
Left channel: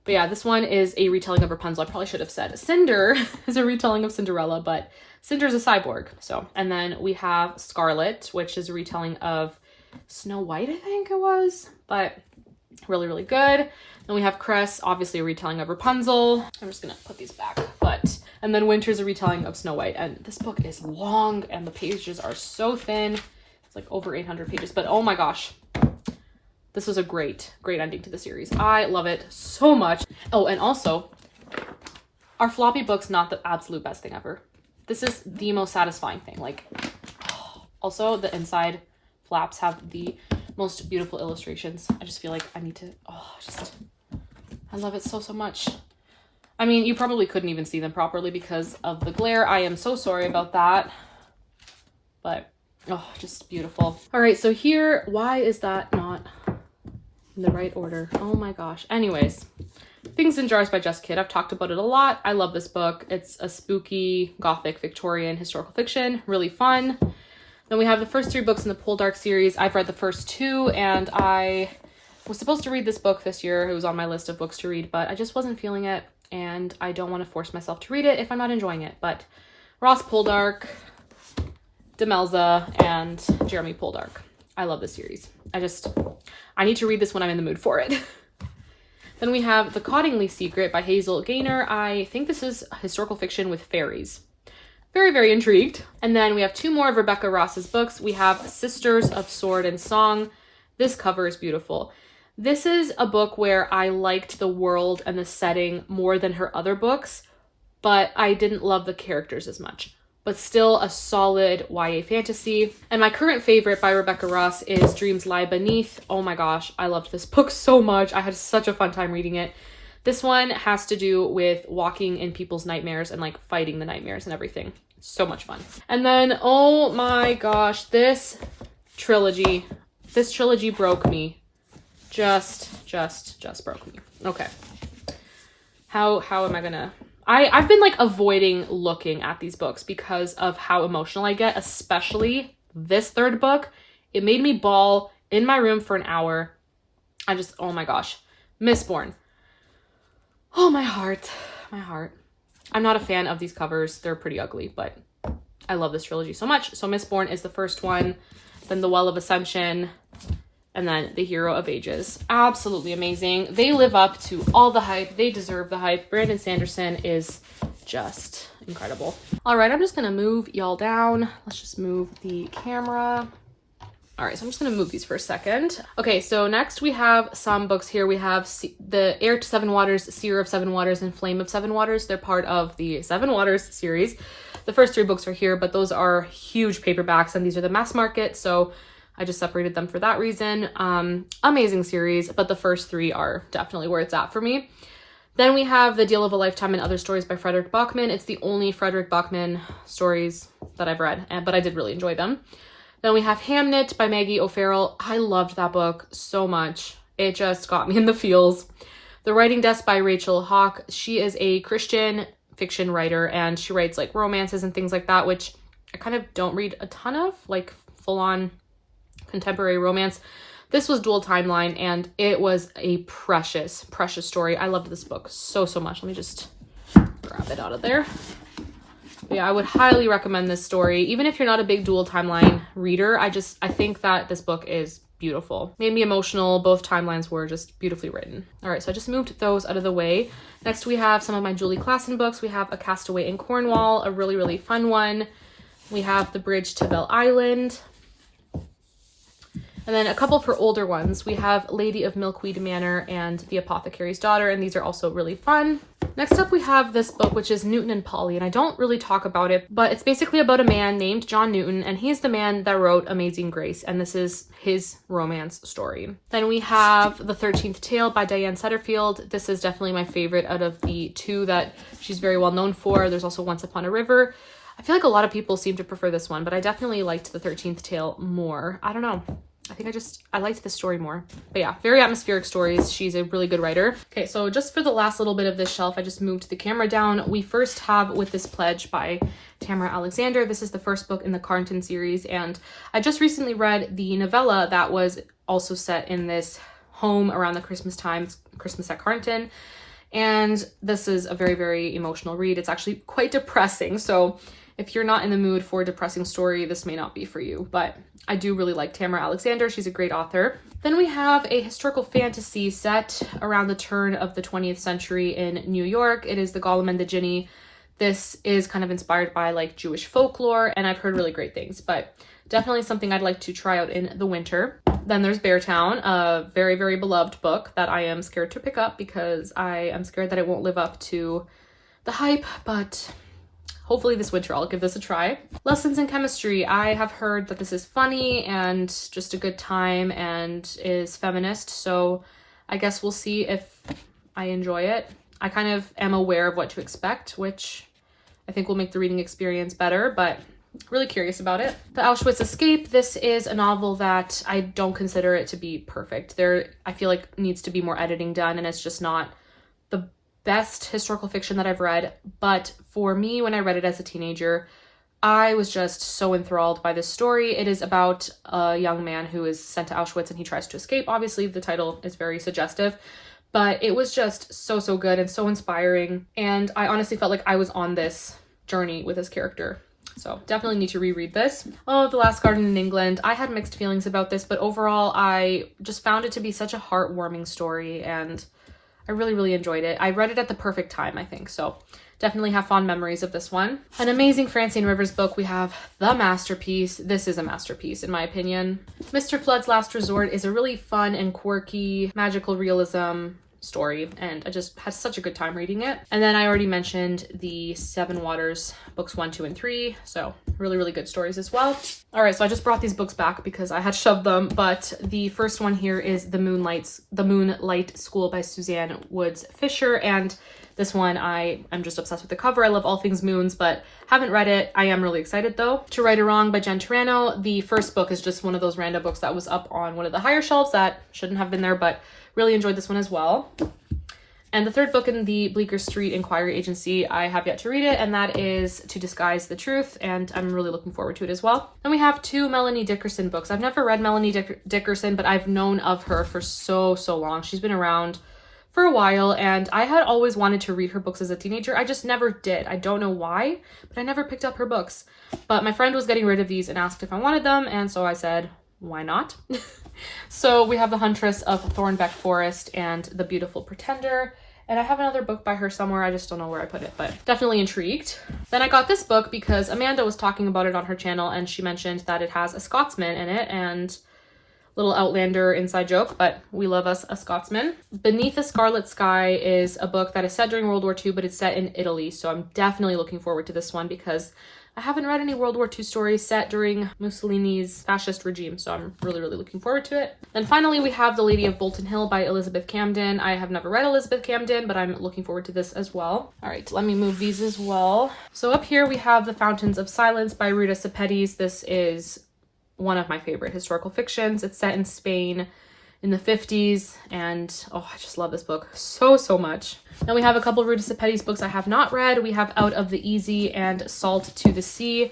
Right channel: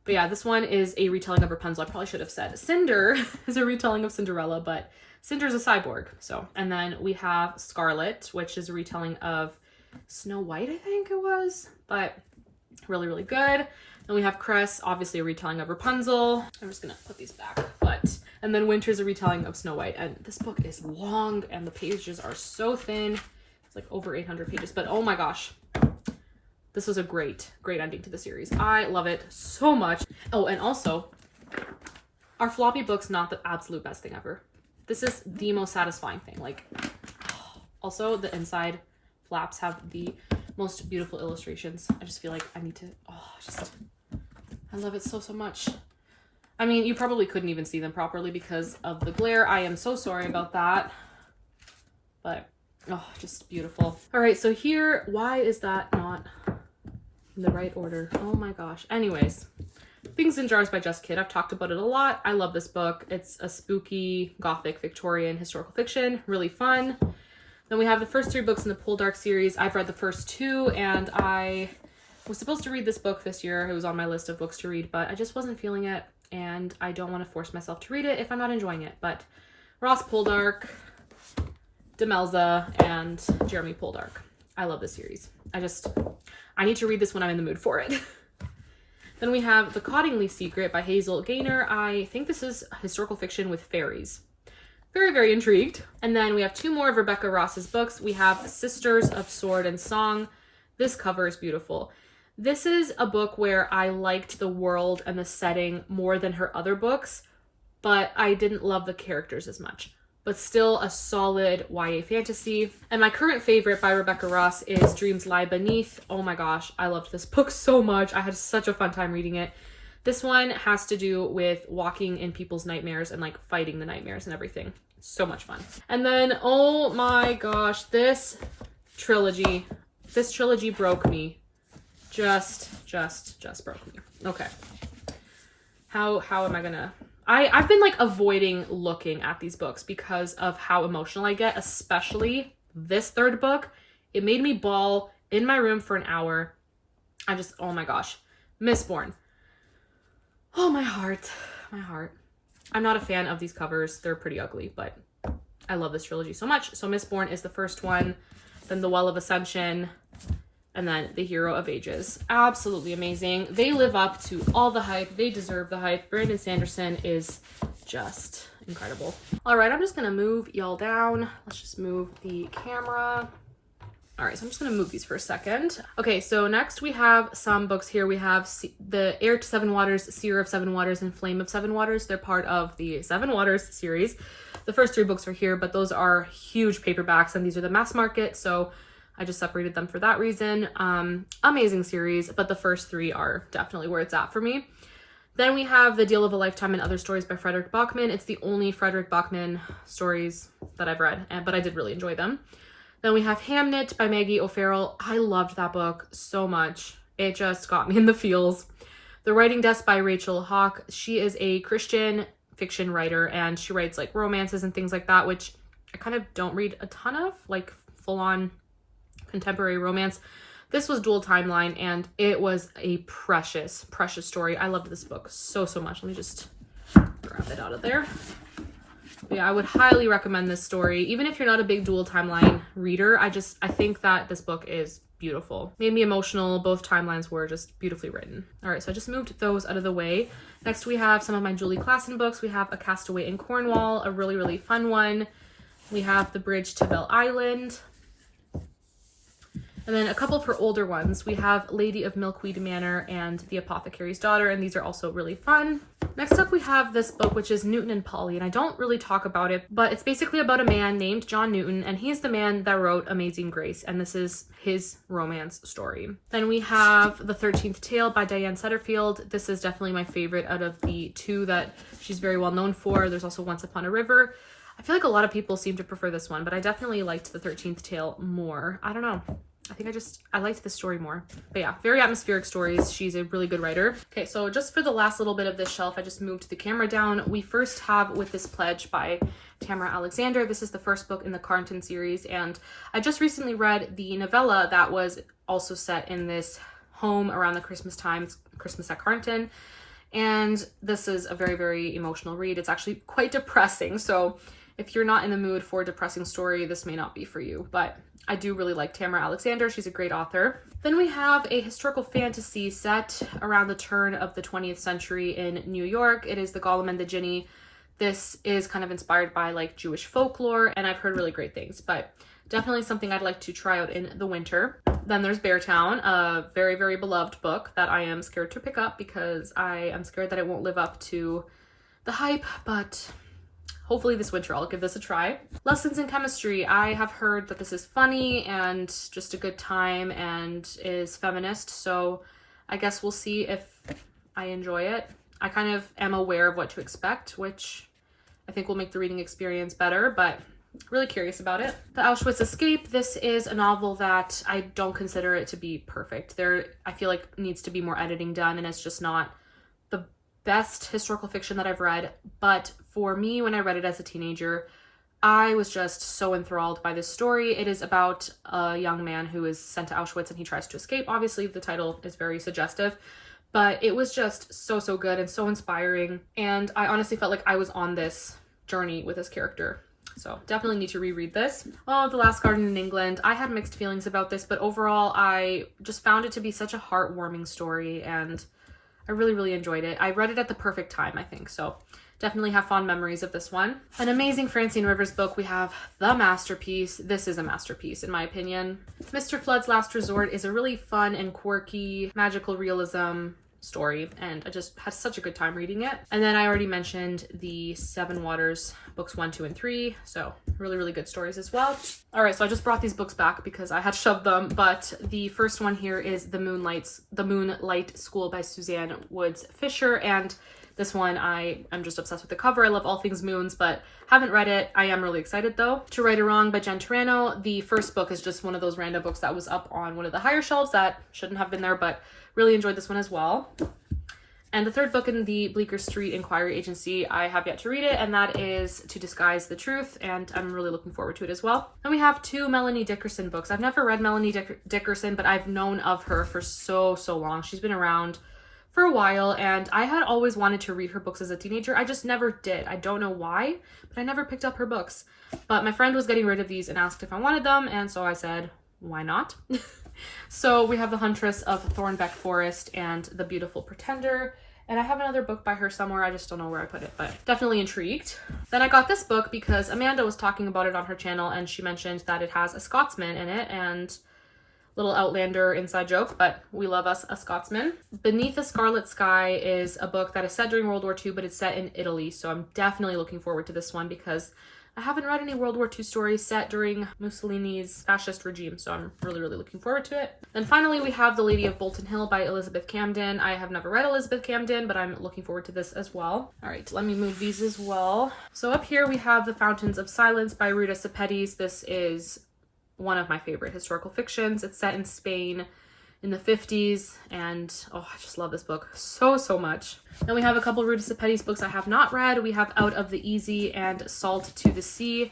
But yeah, this one is a retelling of Rapunzel. I probably should have said Cinder is a retelling of Cinderella, but Cinder's a cyborg. So, and then we have Scarlet, which is a retelling of Snow White, I think it was, but really good. Then we have Cress, obviously a retelling of Rapunzel. I'm just gonna put these back, and then Winter's a retelling of Snow White. And this book is long and the pages are so thin. It's like over 800 pages, but oh my gosh. This was a great ending to the series. I love it so much. Oh, and also, are floppy books not the absolute best thing ever? This is the most satisfying thing. Like, also the inside flaps have the most beautiful illustrations. I just feel like I need to, I love it so much. I mean, you probably couldn't even see them properly because of the glare. I am so sorry about that. But, oh, just beautiful. All right, so here, why is that not in the right order? Oh my gosh. Anyways, Things in Jars by Jess Kidd. I've talked about it a lot. I love this book. It's a spooky, gothic, Victorian historical fiction. Really fun. Then we have the first 3 books in the Poldark series. I've read the first 2, and I was supposed to read this book this year. It was on my list of books to read, but I just wasn't feeling it, and I don't want to force myself to read it if I'm not enjoying it. But Ross Poldark, Demelza, and Jeremy Poldark. I love this series. I need to read this when I'm in the mood for it. Then we have The Cottingley Secret by Hazel Gaynor. I think this is historical fiction with fairies. Very intrigued. And then we have 2 more of Rebecca Ross's books. We have Sisters of Sword and Song. This cover is beautiful. This is a book where I liked the world and the setting more than her other books, but I didn't love the characters as much. But still a solid YA fantasy. And my current favorite by Rebecca Ross is Dreams Lie Beneath. Oh my gosh, I loved this book so much. I had such a fun time reading it. This one has to do with walking in people's nightmares and like fighting the nightmares and everything. So much fun. And then, oh my gosh, this trilogy broke me. Just broke me. Okay. How am I gonna... I've been like avoiding looking at these books because of how emotional I get, especially this 3rd book. It made me bawl in my room for an hour. Oh my gosh. Mistborn. Oh, my heart. I'm not a fan of these covers. They're pretty ugly, but I love this trilogy so much. So Mistborn is the first one, then The Well of Ascension, and then The Hero of Ages. Absolutely amazing. They live up to all the hype. They deserve the hype. Brandon Sanderson is just incredible. All right, I'm just gonna move y'all down. Let's just move the camera. All right, so I'm just gonna move these for a second. Okay, so next we have some books here. We have the Heir to Seven Waters, Seer of Seven Waters, and Flame of Seven Waters. They're part of the Seven Waters series. The first 3 books are here, but those are huge paperbacks, and these are the mass market, so I just separated them for that reason. Amazing series, but the first 3 are definitely where it's at for me. Then we have The Deal of a Lifetime and Other Stories by Frederick Bachman. It's the only Frederick Bachman stories that I've read, but I did really enjoy them. Then we have Hamnet by Maggie O'Farrell. I loved that book so much. It just got me in the feels. The Writing Desk by Rachel Hawke. She is a Christian fiction writer, and she writes like romances and things like that, which I kind of don't read a ton of, like full-on contemporary romance. This was dual timeline, and it was a precious, precious story. I loved this book so, so much. Let me just grab it out of there. Yeah, I would highly recommend this story. Even if you're not a big dual timeline reader, I think that this book is beautiful. Made me emotional. Both timelines were just beautifully written. All right, so I just moved those out of the way. Next, we have some of my Julie Klassen books. We have A Castaway in Cornwall, a really, really fun one. We have The Bridge to Belle Island. And then a couple for older ones. We have Lady of Milkweed Manor and The Apothecary's Daughter, and these are also really fun. Next up, we have this book, which is Newton and Polly, and I don't really talk about it, but it's basically about a man named John Newton, and he's the man that wrote Amazing Grace, and this is his romance story. Then we have The 13th Tale by Diane Setterfield. This is definitely my favorite out of the two that she's very well known for. There's also Once Upon a River. I feel like a lot of people seem to prefer this one, but I definitely liked The 13th Tale more. I don't know. I think I liked this story more. But yeah, very atmospheric stories. She's a really good writer. Okay, so just for the last little bit of this shelf, I just moved the camera down. We first have With This Pledge by Tamara Alexander. This is the first book in the Carnton series, and I just recently read the novella that was also set in this home around the Christmas times, Christmas at Carnton. And this is a very, very emotional read. It's actually quite depressing. So if you're not in the mood for a depressing story, this may not be for you, but I do really like Tamara Alexander. She's a great author. Then we have a historical fantasy set around the turn of the 20th century in New York. It is The Golem and the Jinni. This is kind of inspired by like Jewish folklore, and I've heard really great things, but definitely something I'd like to try out in the winter. Then there's Beartown, a very, very beloved book that I am scared to pick up because I am scared that it won't live up to the hype, but hopefully this winter I'll give this a try. Lessons in Chemistry. I have heard that this is funny and just a good time and is feminist, so I guess we'll see if I enjoy it. I kind of am aware of what to expect, which I think will make the reading experience better, but really curious about it. The Auschwitz Escape. This is a novel that I don't consider it to be perfect. I feel like needs to be more editing done, and it's just not the best historical fiction that I've read, but for me, when I read it as a teenager, I was just so enthralled by this story. It is about a young man who is sent to Auschwitz and he tries to escape. Obviously, the title is very suggestive, but it was just so, so good and so inspiring, and I honestly felt like I was on this journey with this character. So definitely need to reread this. Oh, The Last Garden in England. I had mixed feelings about this, but overall, I just found it to be such a heartwarming story, and I really, really enjoyed it. I read it at the perfect time, I think, so definitely have fond memories of this one. An amazing Francine Rivers book. We have The Masterpiece. This is a masterpiece, in my opinion. Mr. Flood's Last Resort is a really fun and quirky magical realism story, and I just had such a good time reading it. And then I already mentioned the Seven Waters books 1, 2, and 3, so really, really good stories as well. All right, so I just brought these books back because I had shoved them, but the first one here is The Moonlight School by Suzanne Woods Fisher, and this one I'm just obsessed with the cover. I love all things moons, but haven't read it. I am really excited though. To Right or Wrong by Jen Turano. The first book is just one of those random books that was up on one of the higher shelves that shouldn't have been there, but really enjoyed this one as well. And the third book in the Bleecker Street Inquiry Agency, I have yet to read it, and that is To Disguise the Truth, and I'm really looking forward to it as well. Then we have 2 Melanie Dickerson books. I've never read Melanie Dickerson, but I've known of her for so, so long. She's been around for a while, and I had always wanted to read her books as a teenager. I just never did. I don't know why, but I never picked up her books. But my friend was getting rid of these and asked if I wanted them, and so I said, why not? So we have The Huntress of Thornbeck Forest and The Beautiful Pretender. And I have another book by her somewhere. I just don't know where I put it, but definitely intrigued. Then I got this book because Amanda was talking about it on her channel, and she mentioned that it has a Scotsman in it, and little Outlander inside joke, but we love us a Scotsman. Beneath the Scarlet Sky is a book that is set during World War II, but it's set in Italy. So I'm definitely looking forward to this one because I haven't read any World War II stories set during Mussolini's fascist regime, so I'm really, really looking forward to it. Then finally, we have The Lady of Bolton Hill by Elizabeth Camden. I have never read Elizabeth Camden, but I'm looking forward to this as well. All right, let me move these as well. So up here we have The Fountains of Silence by Ruta Sepetys. This is one of my favorite historical fictions. It's set in Spain in the 50s, and oh, I just love this book so, so much. Then we have a couple Ruta Sepetys books I have not read. We have Out of the Easy and Salt to the Sea.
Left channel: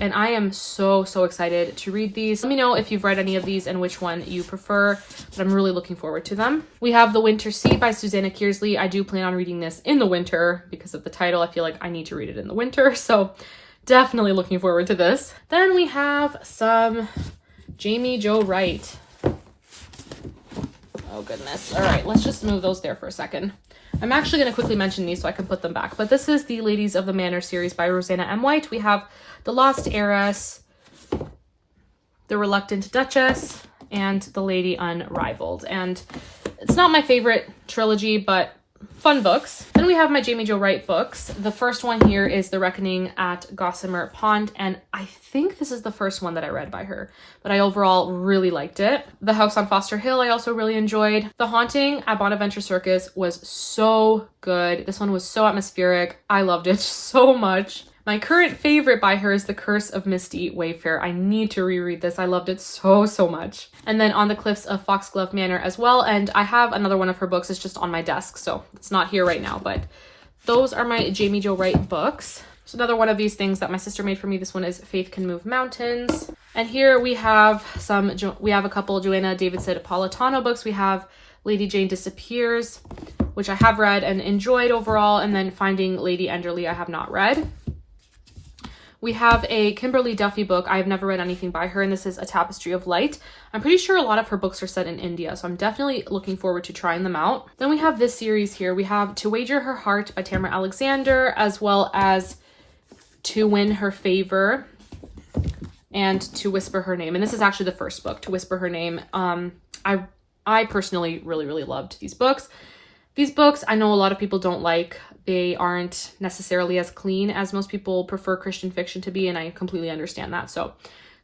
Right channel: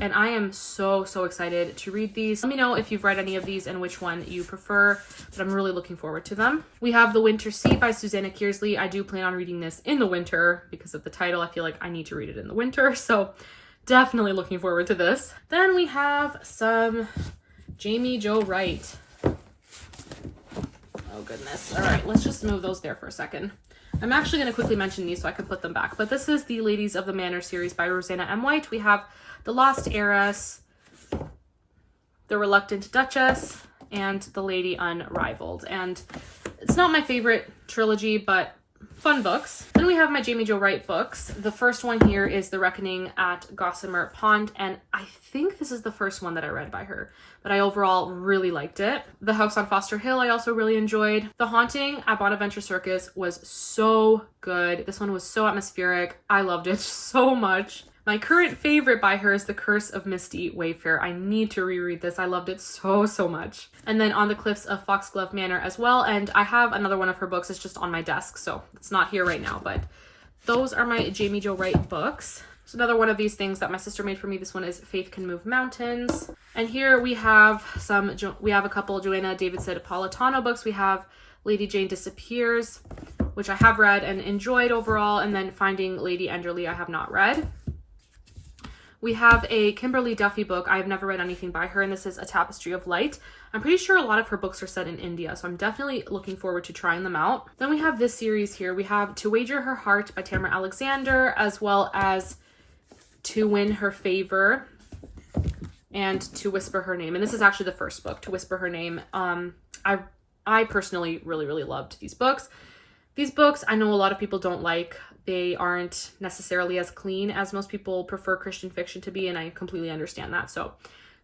And I am so excited to read these. Let me know if you've read any of these and which one you prefer, but I'm really looking forward to them. We have The Winter Sea by Susanna Kearsley. I do plan on reading this in the winter because of the title. I feel like I need to read it in the winter, so definitely looking forward to this. Then we have some Jamie Jo Wright. Oh goodness. All right, let's just move those there for a second. I'm actually going to quickly mention these so I can put them back. But this is the Ladies of the Manor series by Rosanna M. White. We have The Lost Heiress, The Reluctant Duchess, and The Lady Unrivaled. And it's not my favorite trilogy, but fun books. Then we have my Jamie Jo Wright books. The first one here is The Reckoning at Gossamer Pond, and I think this is the first one that I read by her, but I overall really liked it. The House on Foster Hill I also really enjoyed. The Haunting at Bonaventure Circus was so good. This one was so atmospheric. I loved it so much. My current favorite by her is The Curse of Misty Wayfair. I need to reread this. I loved it so much. And then On the Cliffs of Foxglove Manor as well. And I have another one of her books. It's just on my desk, so it's not here right now. But those are my Jamie Jo Wright books. So another one of these things that my sister made for me. This one is Faith Can Move Mountains. And here we have a couple Joanna Davidson Napolitano books. We have Lady Jane Disappears, which I have read and enjoyed overall. And then Finding Lady Enderley I have not read. We have a Kimberly Duffy book. I've never read anything by her, and this is A Tapestry of Light. I'm pretty sure a lot of her books are set in India, so I'm definitely looking forward to trying them out. Then we have this series here. We have To Wager Her Heart by Tamara Alexander, as well as To Win Her Favor and To Whisper Her Name. And this is actually the first book, To Whisper Her Name. I personally really loved these books. These books, I know a lot of people don't like. They aren't necessarily as clean as most people prefer Christian fiction to be, and I completely understand that. So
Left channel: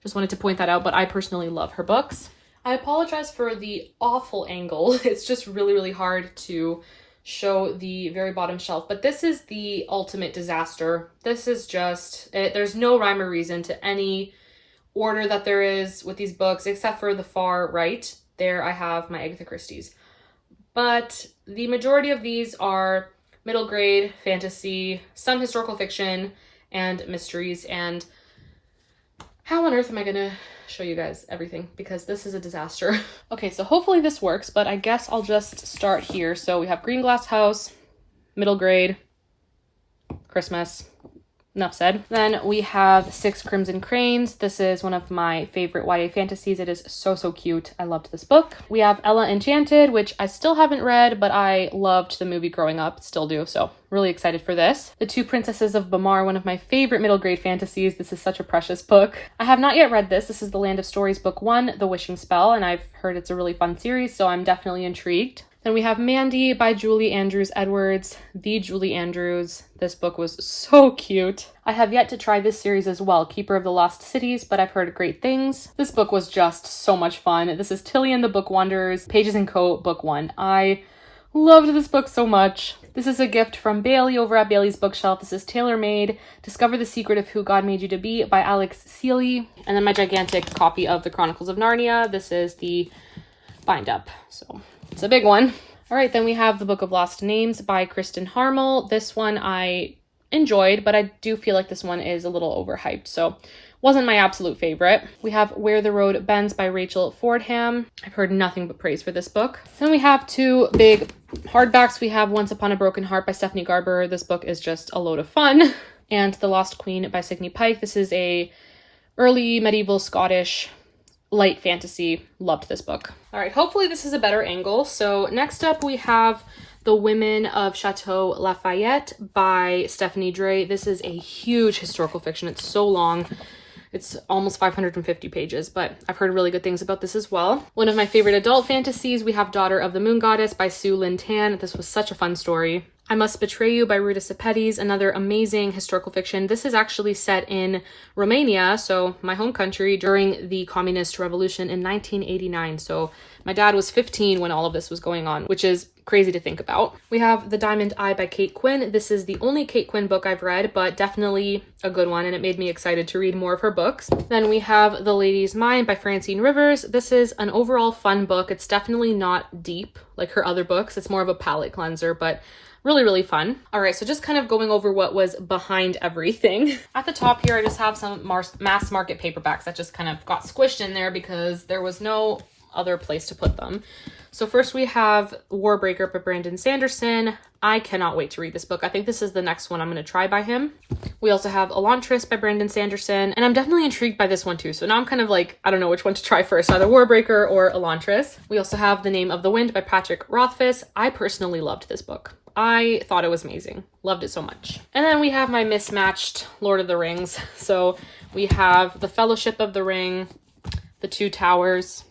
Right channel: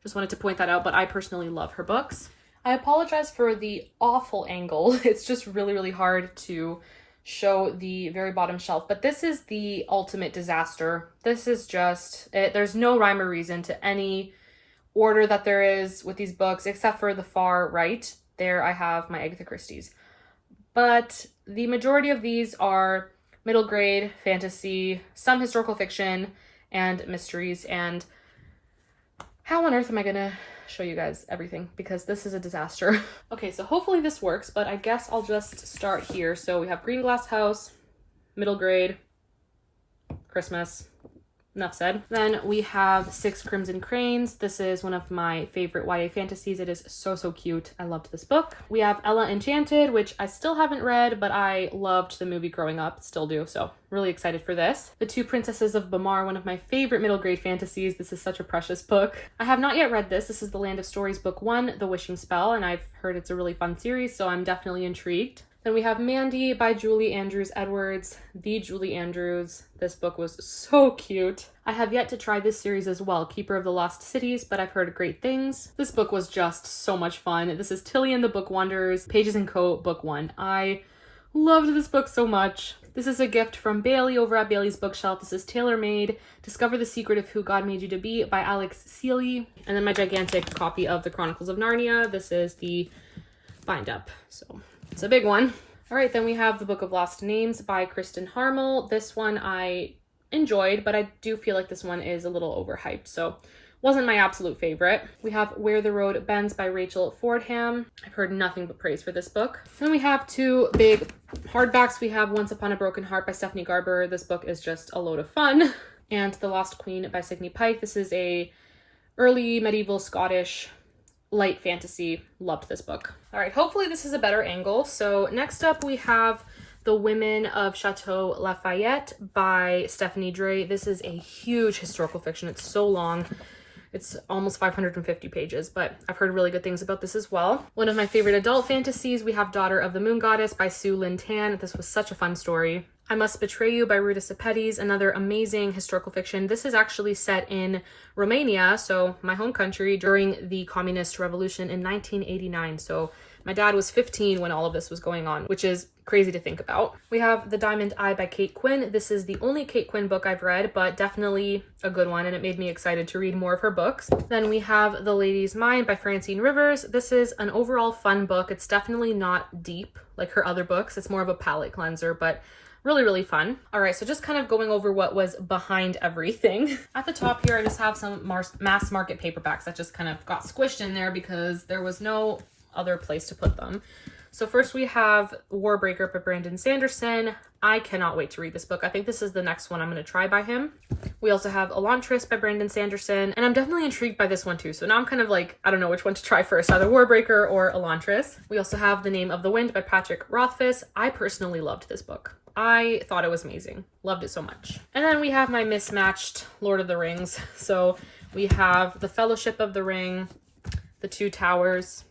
just wanted to point that out, but I personally love her books. I apologize for the awful angle. It's just really hard to show the very bottom shelf, but this is the ultimate disaster. This is just, there's no rhyme or reason to any order that there is with these books, except for the far right. There I have my Agatha Christie's. But the majority of these are middle grade fantasy, some historical fiction, and mysteries. And how on earth am I gonna show you guys everything? Because this is a disaster. Okay, so hopefully this works, but I guess I'll just start here. So we have Green Glass House, middle grade, Christmas. Enough said. Then we have Six Crimson Cranes. This is one of my favorite YA fantasies. It is so cute. I loved this book. We have Ella Enchanted, which I still haven't read, but I loved the movie growing up, still do, so really excited for this. The Two Princesses of Bamar, one of my favorite middle grade fantasies. This is such a precious book. I have not yet read this. This is The Land of Stories Book 1, The Wishing Spell, and I've heard it's a really fun series, so I'm definitely intrigued. Then we have Mandy by Julie Andrews Edwards. The Julie Andrews. This book was so cute. I have yet to try this series as well, Keeper of the Lost Cities, but I've heard great things. This book was just so much fun. This is Tilly and the Book Wanderers, Pages & Co. Book 1. I loved this book so much. This is a gift from Bailey over at Bailey's Bookshelf. This is Tailor Made, Discover the Secret of Who God Made You to Be by Alex Seeley. And then my gigantic copy of The Chronicles of Narnia. This is the bind up, so it's a big one. All right, then we have The Book of Lost Names by Kristen Harmel. This one I enjoyed, but I do feel like this one is a little overhyped, so wasn't my absolute favorite. We have Where the Road Bends by Rachel Fordham. I've heard nothing but praise for this book. Then we have two big hardbacks. We have Once Upon a Broken Heart by Stephanie Garber. This book is just a load of fun. And The Lost Queen by Signe Pike. This is a early medieval Scottish light fantasy. Loved this book. All right, hopefully this is a better angle. So next up we have The Women of Chateau Lafayette by Stephanie Dre. This is a huge historical fiction. It's so long. It's almost 550 pages, but I've heard really good things about this as well. One of my favorite adult fantasies, we have Daughter of the Moon Goddess by Sue Lynn Tan. This was such a fun story. I Must Betray You by Ruta Sepetys, another amazing historical fiction. This is actually set in Romania, so my home country, during the Communist Revolution in 1989. So My dad was 15 when all of this was going on, which is crazy to think about. We have The Diamond Eye by Kate Quinn. This is the only Kate Quinn book I've read, but definitely a good one, and it made me excited to read more of her books. Then we have The Lady's Mind by Francine Rivers. This is an overall fun book. It's definitely not deep like her other books. It's more of a palate cleanser, but really, really fun. All right, so just kind of going over what was behind everything. At the top here, I just have some mass market paperbacks that just kind of got squished in there because there was no other place to put them. So first we have Warbreaker by Brandon Sanderson. I cannot wait to read this book. I think this is the next one I'm going to try by him. We also have Elantris by Brandon Sanderson, and I'm definitely intrigued by this one too. So now I'm kind of like, I don't know which one to try first, either Warbreaker or Elantris. We also have The Name of the Wind by Patrick Rothfuss. I personally loved this book. I thought it was amazing. Loved it so much. And then we have my mismatched Lord of the Rings. So we have The Fellowship of the Ring, The Two Towers,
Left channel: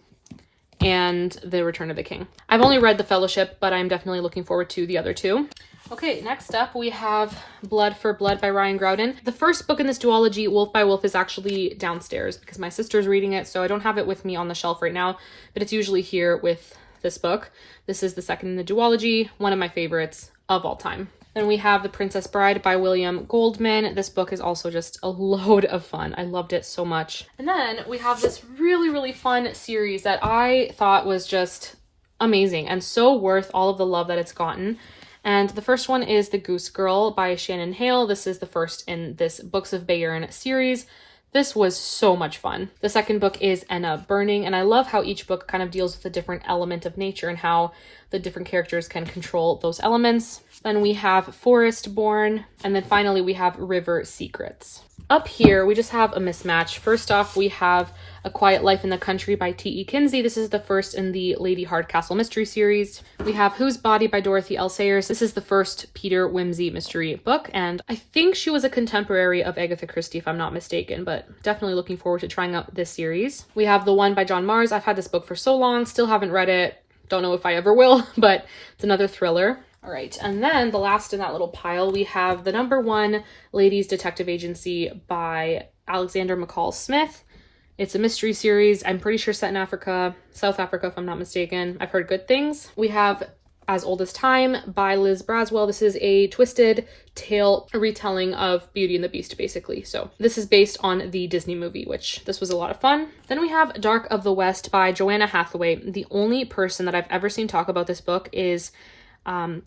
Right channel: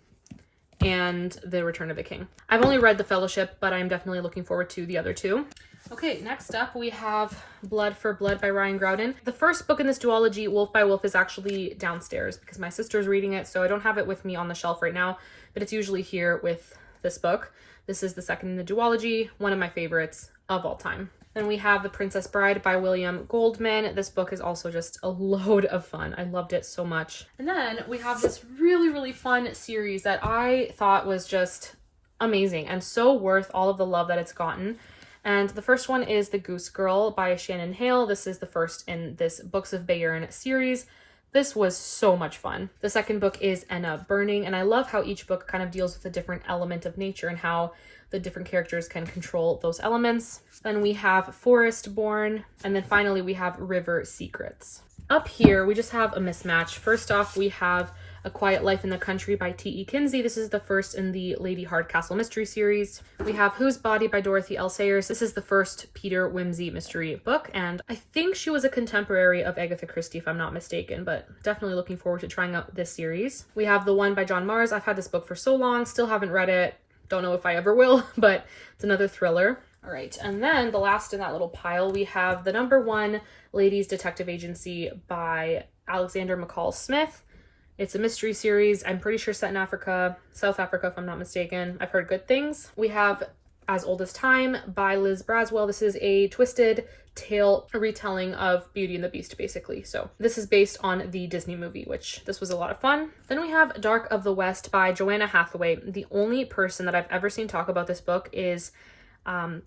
and The Return of the King. I've only read The Fellowship, but I'm definitely looking forward to the other two. Okay, next up we have Blood for Blood by Ryan Groudon. The first book in this duology, Wolf by Wolf, is actually downstairs because my sister's reading it, so I don't have it with me on the shelf right now, but it's usually here with this book. This is the second in the duology, one of my favorites of all time. Then we have The Princess Bride by William Goldman. This book is also just a load of fun. I loved it so much. And then we have this really, really fun series that I thought was just amazing and so worth all of the love that it's gotten. And the first one is The Goose Girl by Shannon Hale. This is the first in this Books of Bayern series. This was so much fun. The second book is Enna Burning, and I love how each book kind of deals with a different element of nature and how the different characters can control those elements. Then we have Forest Born, and then finally we have River Secrets. Up here, we just have a mismatch. First off, we have A Quiet Life in the Country by T.E. Kinsey. This is the first in the Lady Hardcastle mystery series. We have Whose Body by Dorothy L. Sayers. This is the first Peter Wimsey mystery book, and I think she was a contemporary of Agatha Christie, if I'm not mistaken, but definitely looking forward to trying out this series. We have The One by John Mars. I've had this book for so long, still haven't read it. Don't know if I ever will, but it's another thriller. All right, and then the last in that little pile, we have the #1 Ladies Detective Agency by Alexander McCall Smith. It's a mystery series. I'm pretty sure set in Africa, South Africa, if I'm not mistaken. I've heard good things. We have As Old as Time by Liz Braswell. This is a twisted tale, a retelling of Beauty and the Beast, basically. So this is based on the Disney movie, which this was a lot of fun. Then we have Dark of the West by Joanna Hathaway. The only person that I've ever seen talk about this book is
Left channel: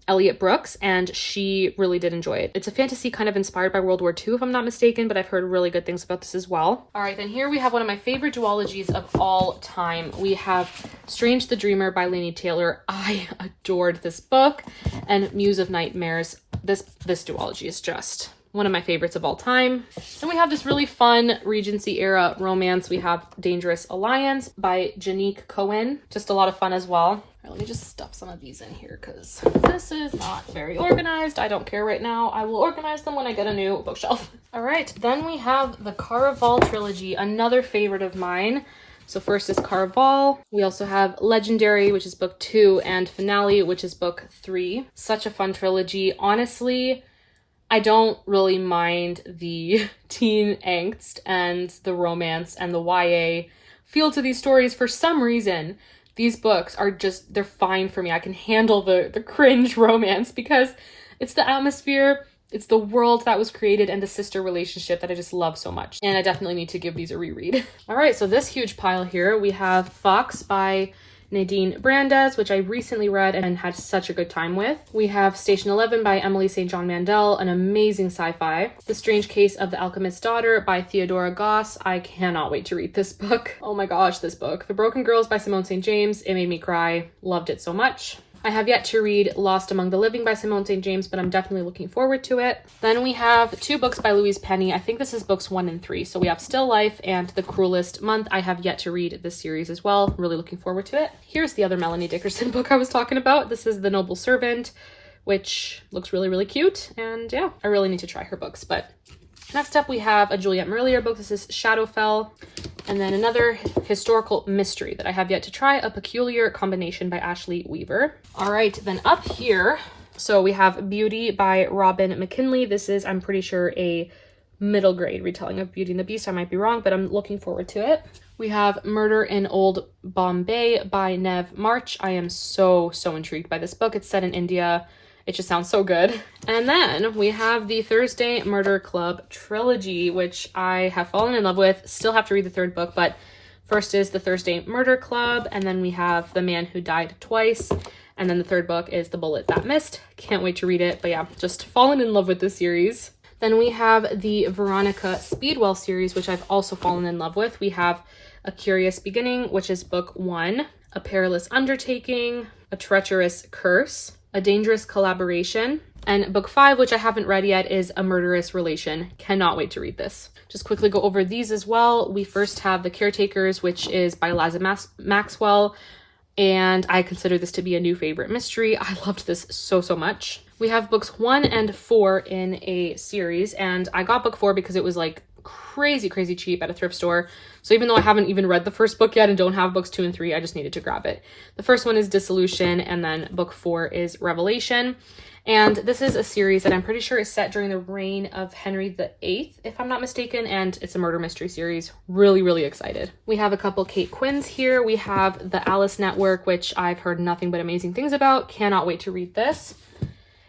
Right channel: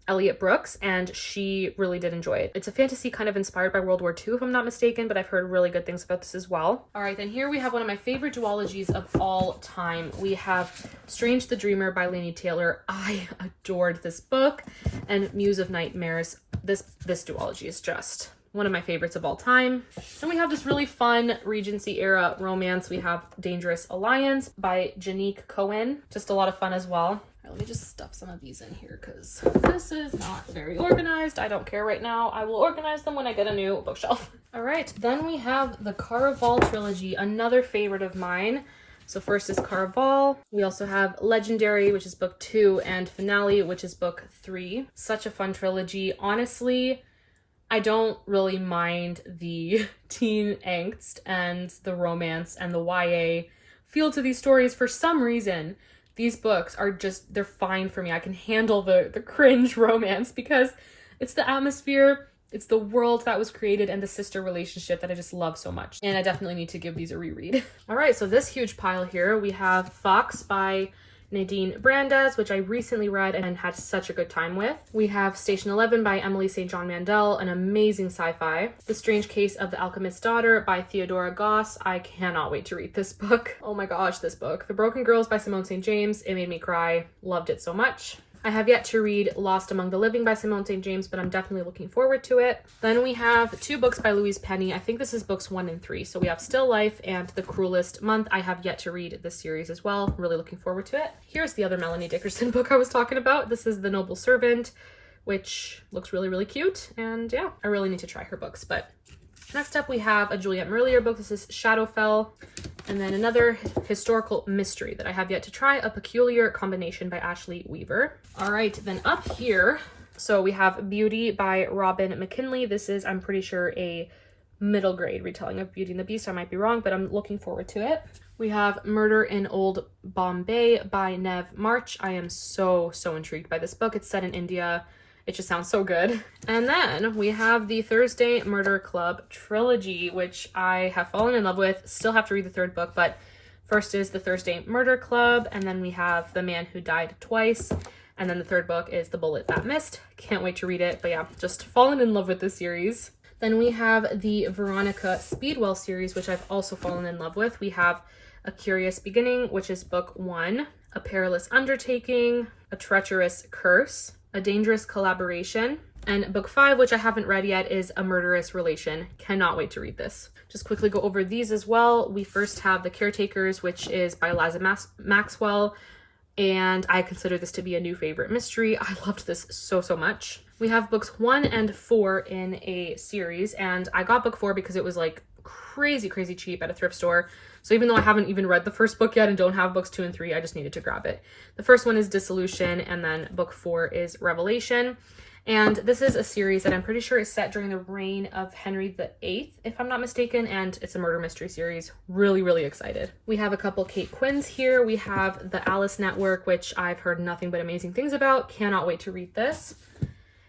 Elliot Brooks, and she really did enjoy it. It's a fantasy kind of inspired by World War II, if I'm not mistaken, but I've heard really good things about this as well. All right, then here we have one of my favorite duologies of all time. We have Strange the Dreamer by Laini Taylor. I adored this book, and Muse of Nightmares. This duology is just one of my favorites of all time. Then we have this really fun Regency era romance. We have Dangerous Alliance by Janique Cohen. Just a lot of fun as well. Let me just stuff some of these in here because this is not very organized. I don't care right now. I will organize them when I get a new bookshelf. All right, then we have the Caraval trilogy, another favorite of mine. So first is Caraval. We also have Legendary, which is book 2, and Finale, which is book 3. Such a fun trilogy. Honestly, I don't really mind the teen angst and the romance and the YA feel to these stories for some reason. These books are just, they're fine for me. I can handle the cringe romance because it's the atmosphere, it's the world that was created, and the sister relationship that I just love so much. And I definitely need to give these a reread. All right, so this huge pile here, we have Fox by Nadine Brandes, which I recently read and had such a good time with. We have Station 11 by Emily St. John Mandel, an amazing sci-fi. The Strange Case of the Alchemist's Daughter by Theodora Goss. I cannot wait to read this book. Oh my gosh, this book. The Broken Girls by Simone St. James. It made me cry. Loved it so much. I have yet to read Lost Among the Living by Simone St. James, but I'm definitely looking forward to it. Then we have 2 books by Louise Penny. I think this is books 1 and 3. So we have Still Life and The Cruelest Month. I have yet to read this series as well. Really looking forward to it. Here's the other Melanie Dickerson book I was talking about. This is The Noble Servant, which looks really, really cute. And yeah, I really need to try her books. But next up we have a Juliette Merlier book. This is Shadowfell. And then another historical mystery that I have yet to try, A Peculiar Combination by Ashley Weaver. All right, then up here, so we have Beauty by Robin McKinley. This is, I'm pretty sure, a middle grade retelling of Beauty and the Beast. I might be wrong, but I'm looking forward to it. We have Murder in Old Bombay by Nev March. I am so intrigued by this book. It's set in India. It just sounds so good. And then we have the Thursday Murder Club trilogy, which I have fallen in love with. Still have to read the third book, but first is the Thursday Murder Club, and then we have The Man Who Died Twice, and then the third book is The Bullet That Missed. Can't wait to read it, but yeah, just fallen in love with this series. Then we have the Veronica Speedwell series, which I've also fallen in love with. We have A Curious Beginning, which is book 1, A Perilous Undertaking, A Treacherous Curse, A Dangerous Collaboration, and book 5, which I haven't read yet, is A Murderous Relation. Cannot wait to read this. Just quickly go over these as well. We first have The Caretakers, which is by Liza Maxwell, and I consider this to be a new favorite mystery. I loved this so much. We have books 1 and 4 in a series, and I got book 4 because it was like crazy cheap at a thrift store. So even though I haven't even read the first book yet and don't have books 2 and 3, I just needed to grab it. The first one is Dissolution, and then book 4 is Revelation. And this is a series that I'm pretty sure is set during the reign of Henry VIII, if I'm not mistaken, and it's a murder mystery series. Really excited. We have a couple Kate Quinns here. We have The Alice Network, which I've heard nothing but amazing things about. Cannot wait to read this.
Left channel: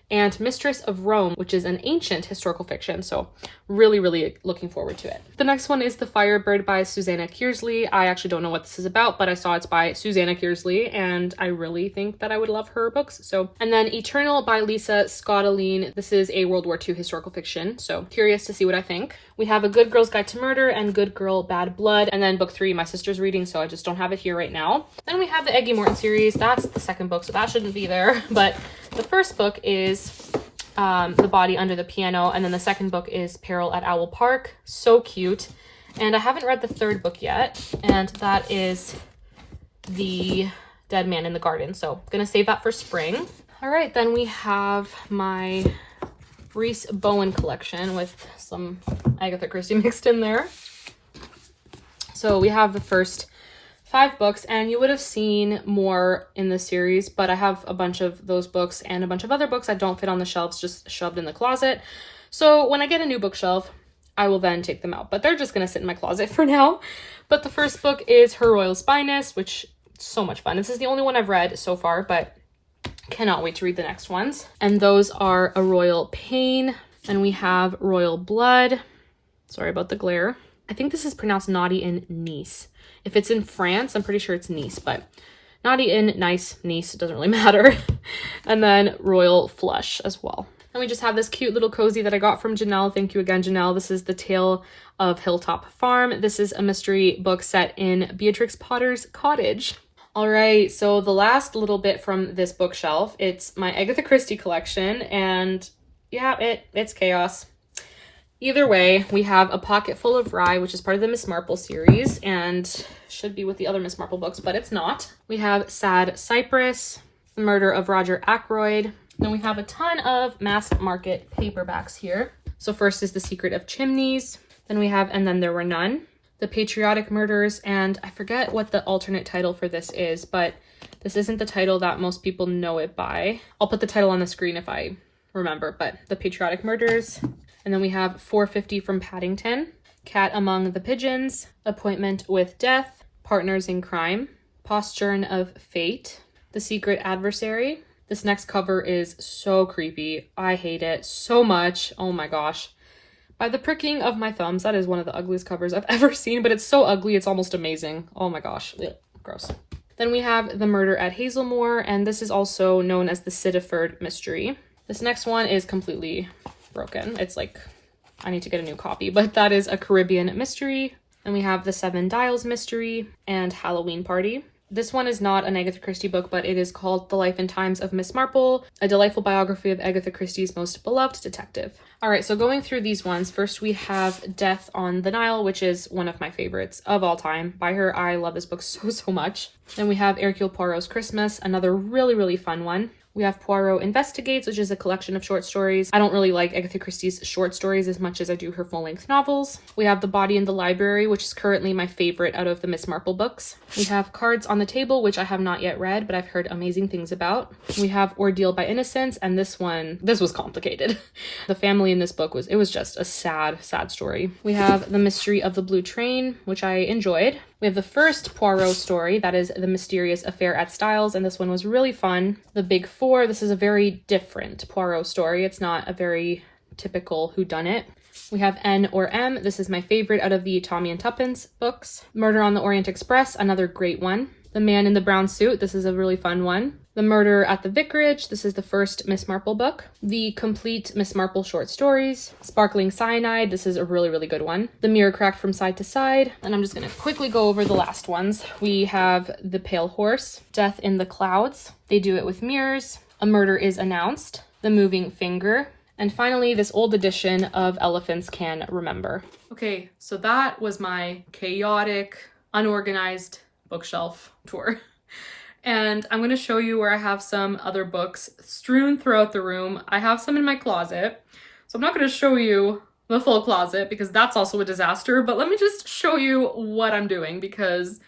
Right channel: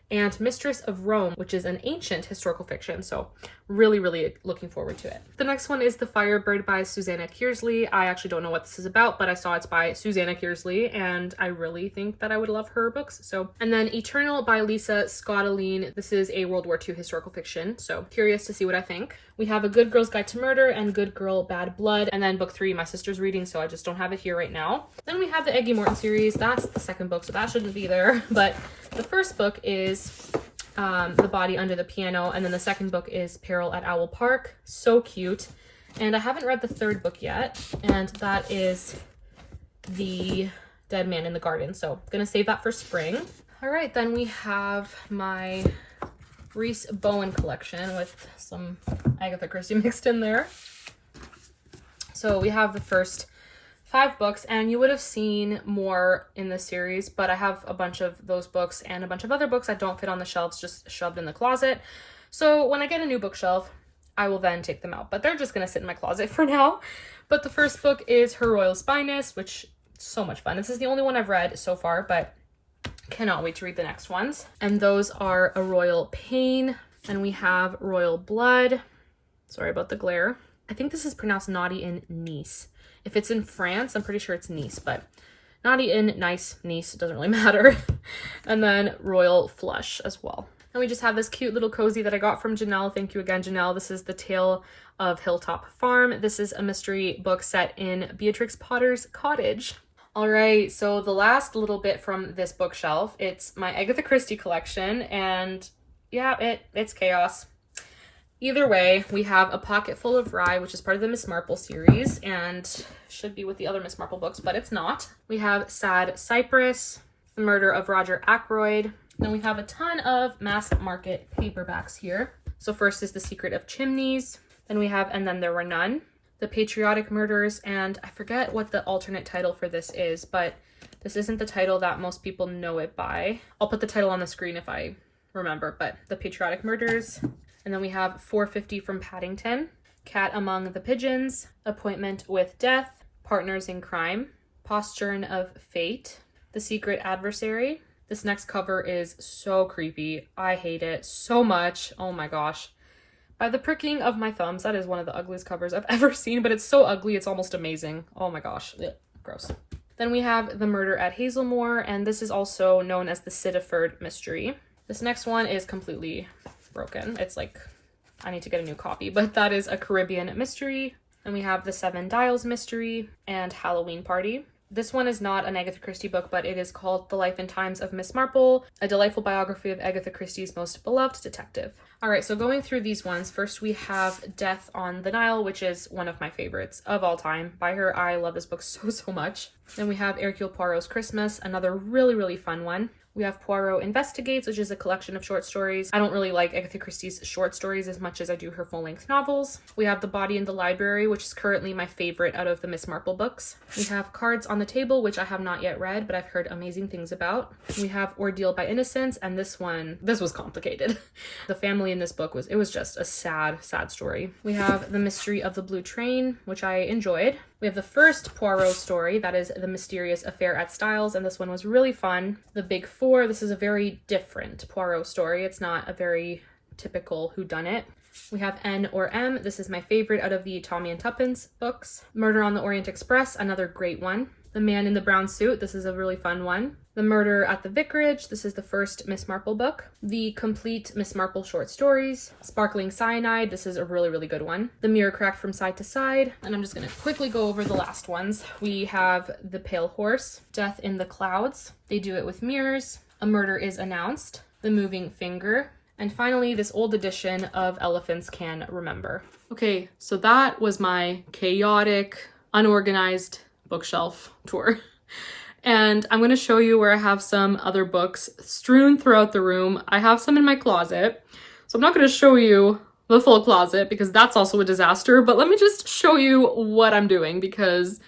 And Mistress of Rome, which is an ancient historical fiction, so really looking forward to it. The next one is The Firebird by Susanna Kearsley. I actually don't know what this is about, but I saw it's by Susanna Kearsley, and I really think that I would love her books. And then Eternal by Lisa Scottoline. This is a World War II historical fiction, so curious to see what I think. We have A Good Girl's Guide to Murder and Good Girl, Bad Blood, and then book 3, my sister's reading, so I just don't have it here right now. Then we have the Eggy Morton series. That's the second book, so that shouldn't be there, but the first book is The Body Under the Piano, and then the second book is Peril at Owl Park. So cute. And I haven't read the third book yet, and that is The Dead Man in the Garden, so I'm gonna save that for spring. All right, then we have my Reese Bowen collection with some Agatha Christie mixed in there. So we have the first 5 books, and you would have seen more in the series, but I have a bunch of those books and a bunch of other books that don't fit on the shelves, just shoved in the closet. So when I get a new bookshelf, I will then take them out, but they're just gonna sit in my closet for now. But the first book is Her Royal Spyness, which is so much fun. This is the only one I've read so far, but cannot wait to read the next ones. And those are A Royal Pain, and we have Royal Blood. Sorry about the glare. I think this is pronounced Naughty in Nice. If it's in France, I'm pretty sure it's Nice, but Naughty in Nice, Nice, doesn't really matter. And then Royal Flush as well. And we just have this cute little cozy that I got from Janelle. Thank you again, Janelle. This is The Tale of Hilltop Farm. This is a mystery book set in Beatrix Potter's cottage. All right, so the last little bit from this bookshelf, it's my Agatha Christie collection, and yeah, it's chaos. Either way, we have A Pocket Full of Rye, which is part of the Miss Marple series, and should be with the other Miss Marple books, but it's not. We have Sad Cypress, The Murder of Roger Ackroyd. Then we have a ton of mass market paperbacks here. So first is The Secret of Chimneys. Then we have And Then There Were None, The Patriotic Murders, and I forget what the alternate title for this is, but this isn't the title that most people know it by. I'll put the title on the screen if I remember, but The Patriotic Murders. And then we have 450 from Paddington, Cat Among the Pigeons, Appointment with Death, Partners in Crime, Postern of Fate, The Secret Adversary. This next cover is so creepy. I hate it so much. Oh my gosh. By the pricking of my thumbs, that is one of the ugliest covers I've ever seen, but it's so ugly, it's almost amazing. Oh my gosh. Ugh, gross. Then we have The Murder at Hazelmoor, and this is also known as the Sidiford Mystery. This next one is completely broken. It's like, I need to get a new copy, but that is A Caribbean Mystery. And we have The Seven Dials Mystery and Halloween Party. This one is not an Agatha Christie book, but it is called The Life and Times of Miss Marple, a delightful biography of Agatha Christie's most beloved detective. All right, so going through these ones, first we have Death on the Nile, which is one of my favorites of all time by her. I love this book so much. Then we have Hercule Poirot's Christmas, another really fun one. We have Poirot Investigates, which is a collection of short stories. I don't really like Agatha Christie's short stories as much as I do her full-length novels. We have The Body in the Library, which is currently my favorite out of the Miss Marple books. We have Cards on the Table, which I have not yet read, but I've heard amazing things about. We have Ordeal by Innocence, and this was complicated. The family in this book was just a sad, sad story. We have The Mystery of the Blue Train, which I enjoyed. We have the first Poirot story, that is The Mysterious Affair at Styles, and this one was really fun. The Big Four, this is a very different Poirot story. It's not a very typical whodunit. We have N or M. This is my favorite out of the Tommy and Tuppence books. Murder on the Orient Express, another great one. The Man in the Brown Suit, this is a really fun one. The Murder at the Vicarage, this is the first Miss Marple book. The Complete Miss Marple Short Stories. Sparkling Cyanide, this is a really, really good one. The Mirror Cracked from Side to Side, and I'm just gonna quickly go over the last ones. We have The Pale Horse, Death in the Clouds, They Do It with Mirrors, A Murder is Announced, The Moving Finger, and finally this old edition of Elephants Can Remember. Okay, so that was my chaotic, unorganized bookshelf tour. And I'm going to show you where I have some other books strewn throughout the room. I have some in my closet, so I'm not going to show you the full closet because that's also a disaster, but let me just show you what I'm doing because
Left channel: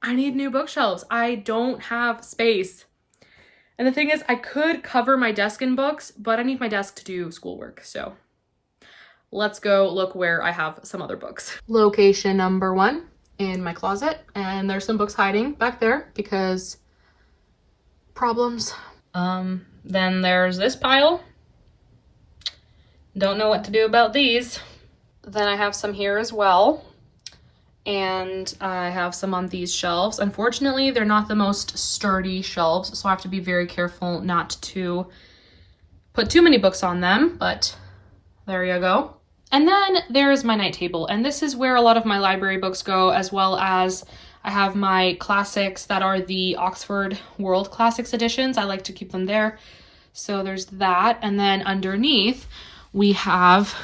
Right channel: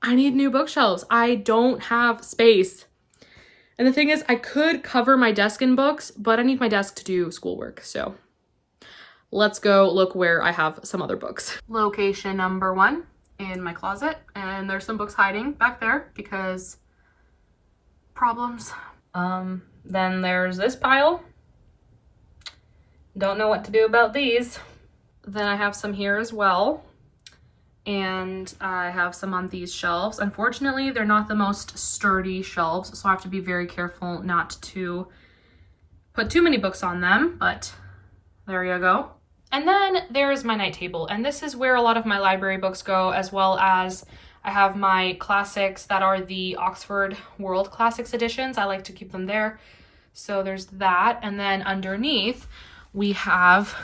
I need new bookshelves. I don't have space. And the thing is, I could cover my desk in books, but I need my desk to do schoolwork, so let's go look where I have some other books. Location number 1 in my closet, and there's some books hiding back there because problems. Then there's this pile. Don't know what to do about these. Then I have some here as well. And I have some on these shelves. Unfortunately, they're not the most sturdy shelves, so I have to be very careful not to put too many books on them, but there you go. And then there's my night table, and this is where a lot of my library books go, as well as I have my classics that are the Oxford World Classics editions. I like to keep them there. So there's that. And then underneath, we have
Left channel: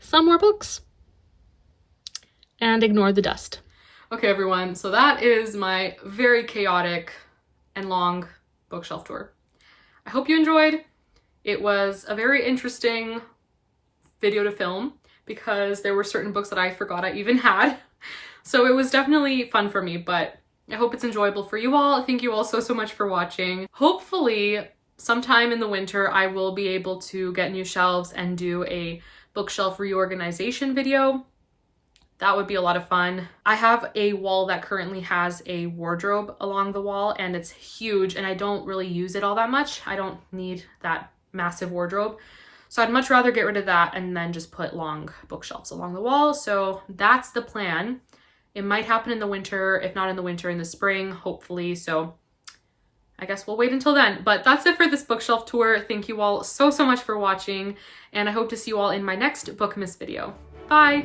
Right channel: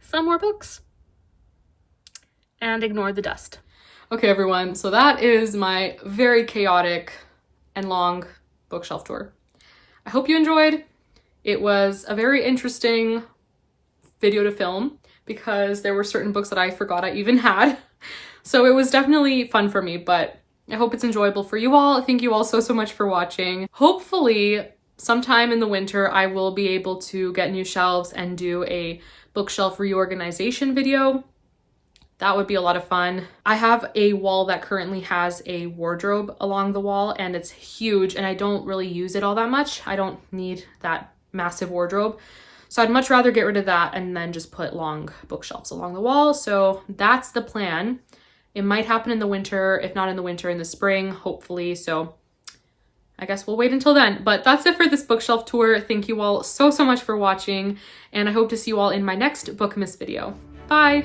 some more books. And ignore the dust. Okay, everyone. So that is my very chaotic and long bookshelf tour. I hope you enjoyed. It was a very interesting video to film because there were certain books that I forgot I even had. So it was definitely fun for me, but I hope it's enjoyable for you all. Thank you all so much for watching. Hopefully sometime in the winter, I will be able to get new shelves and do a bookshelf reorganization video. That would be a lot of fun. I have a wall that currently has a wardrobe along the wall and it's huge and I don't really use it all that much. I don't need that massive wardrobe. So I'd much rather get rid of that and then just put long bookshelves along the wall. So that's the plan. It might happen in the winter, if not in the winter, in the spring, hopefully. So I guess we'll wait until then. But that's it for this bookshelf tour. Thank you all so much for watching. And I hope to see you all in my next Bookmas video. Bye!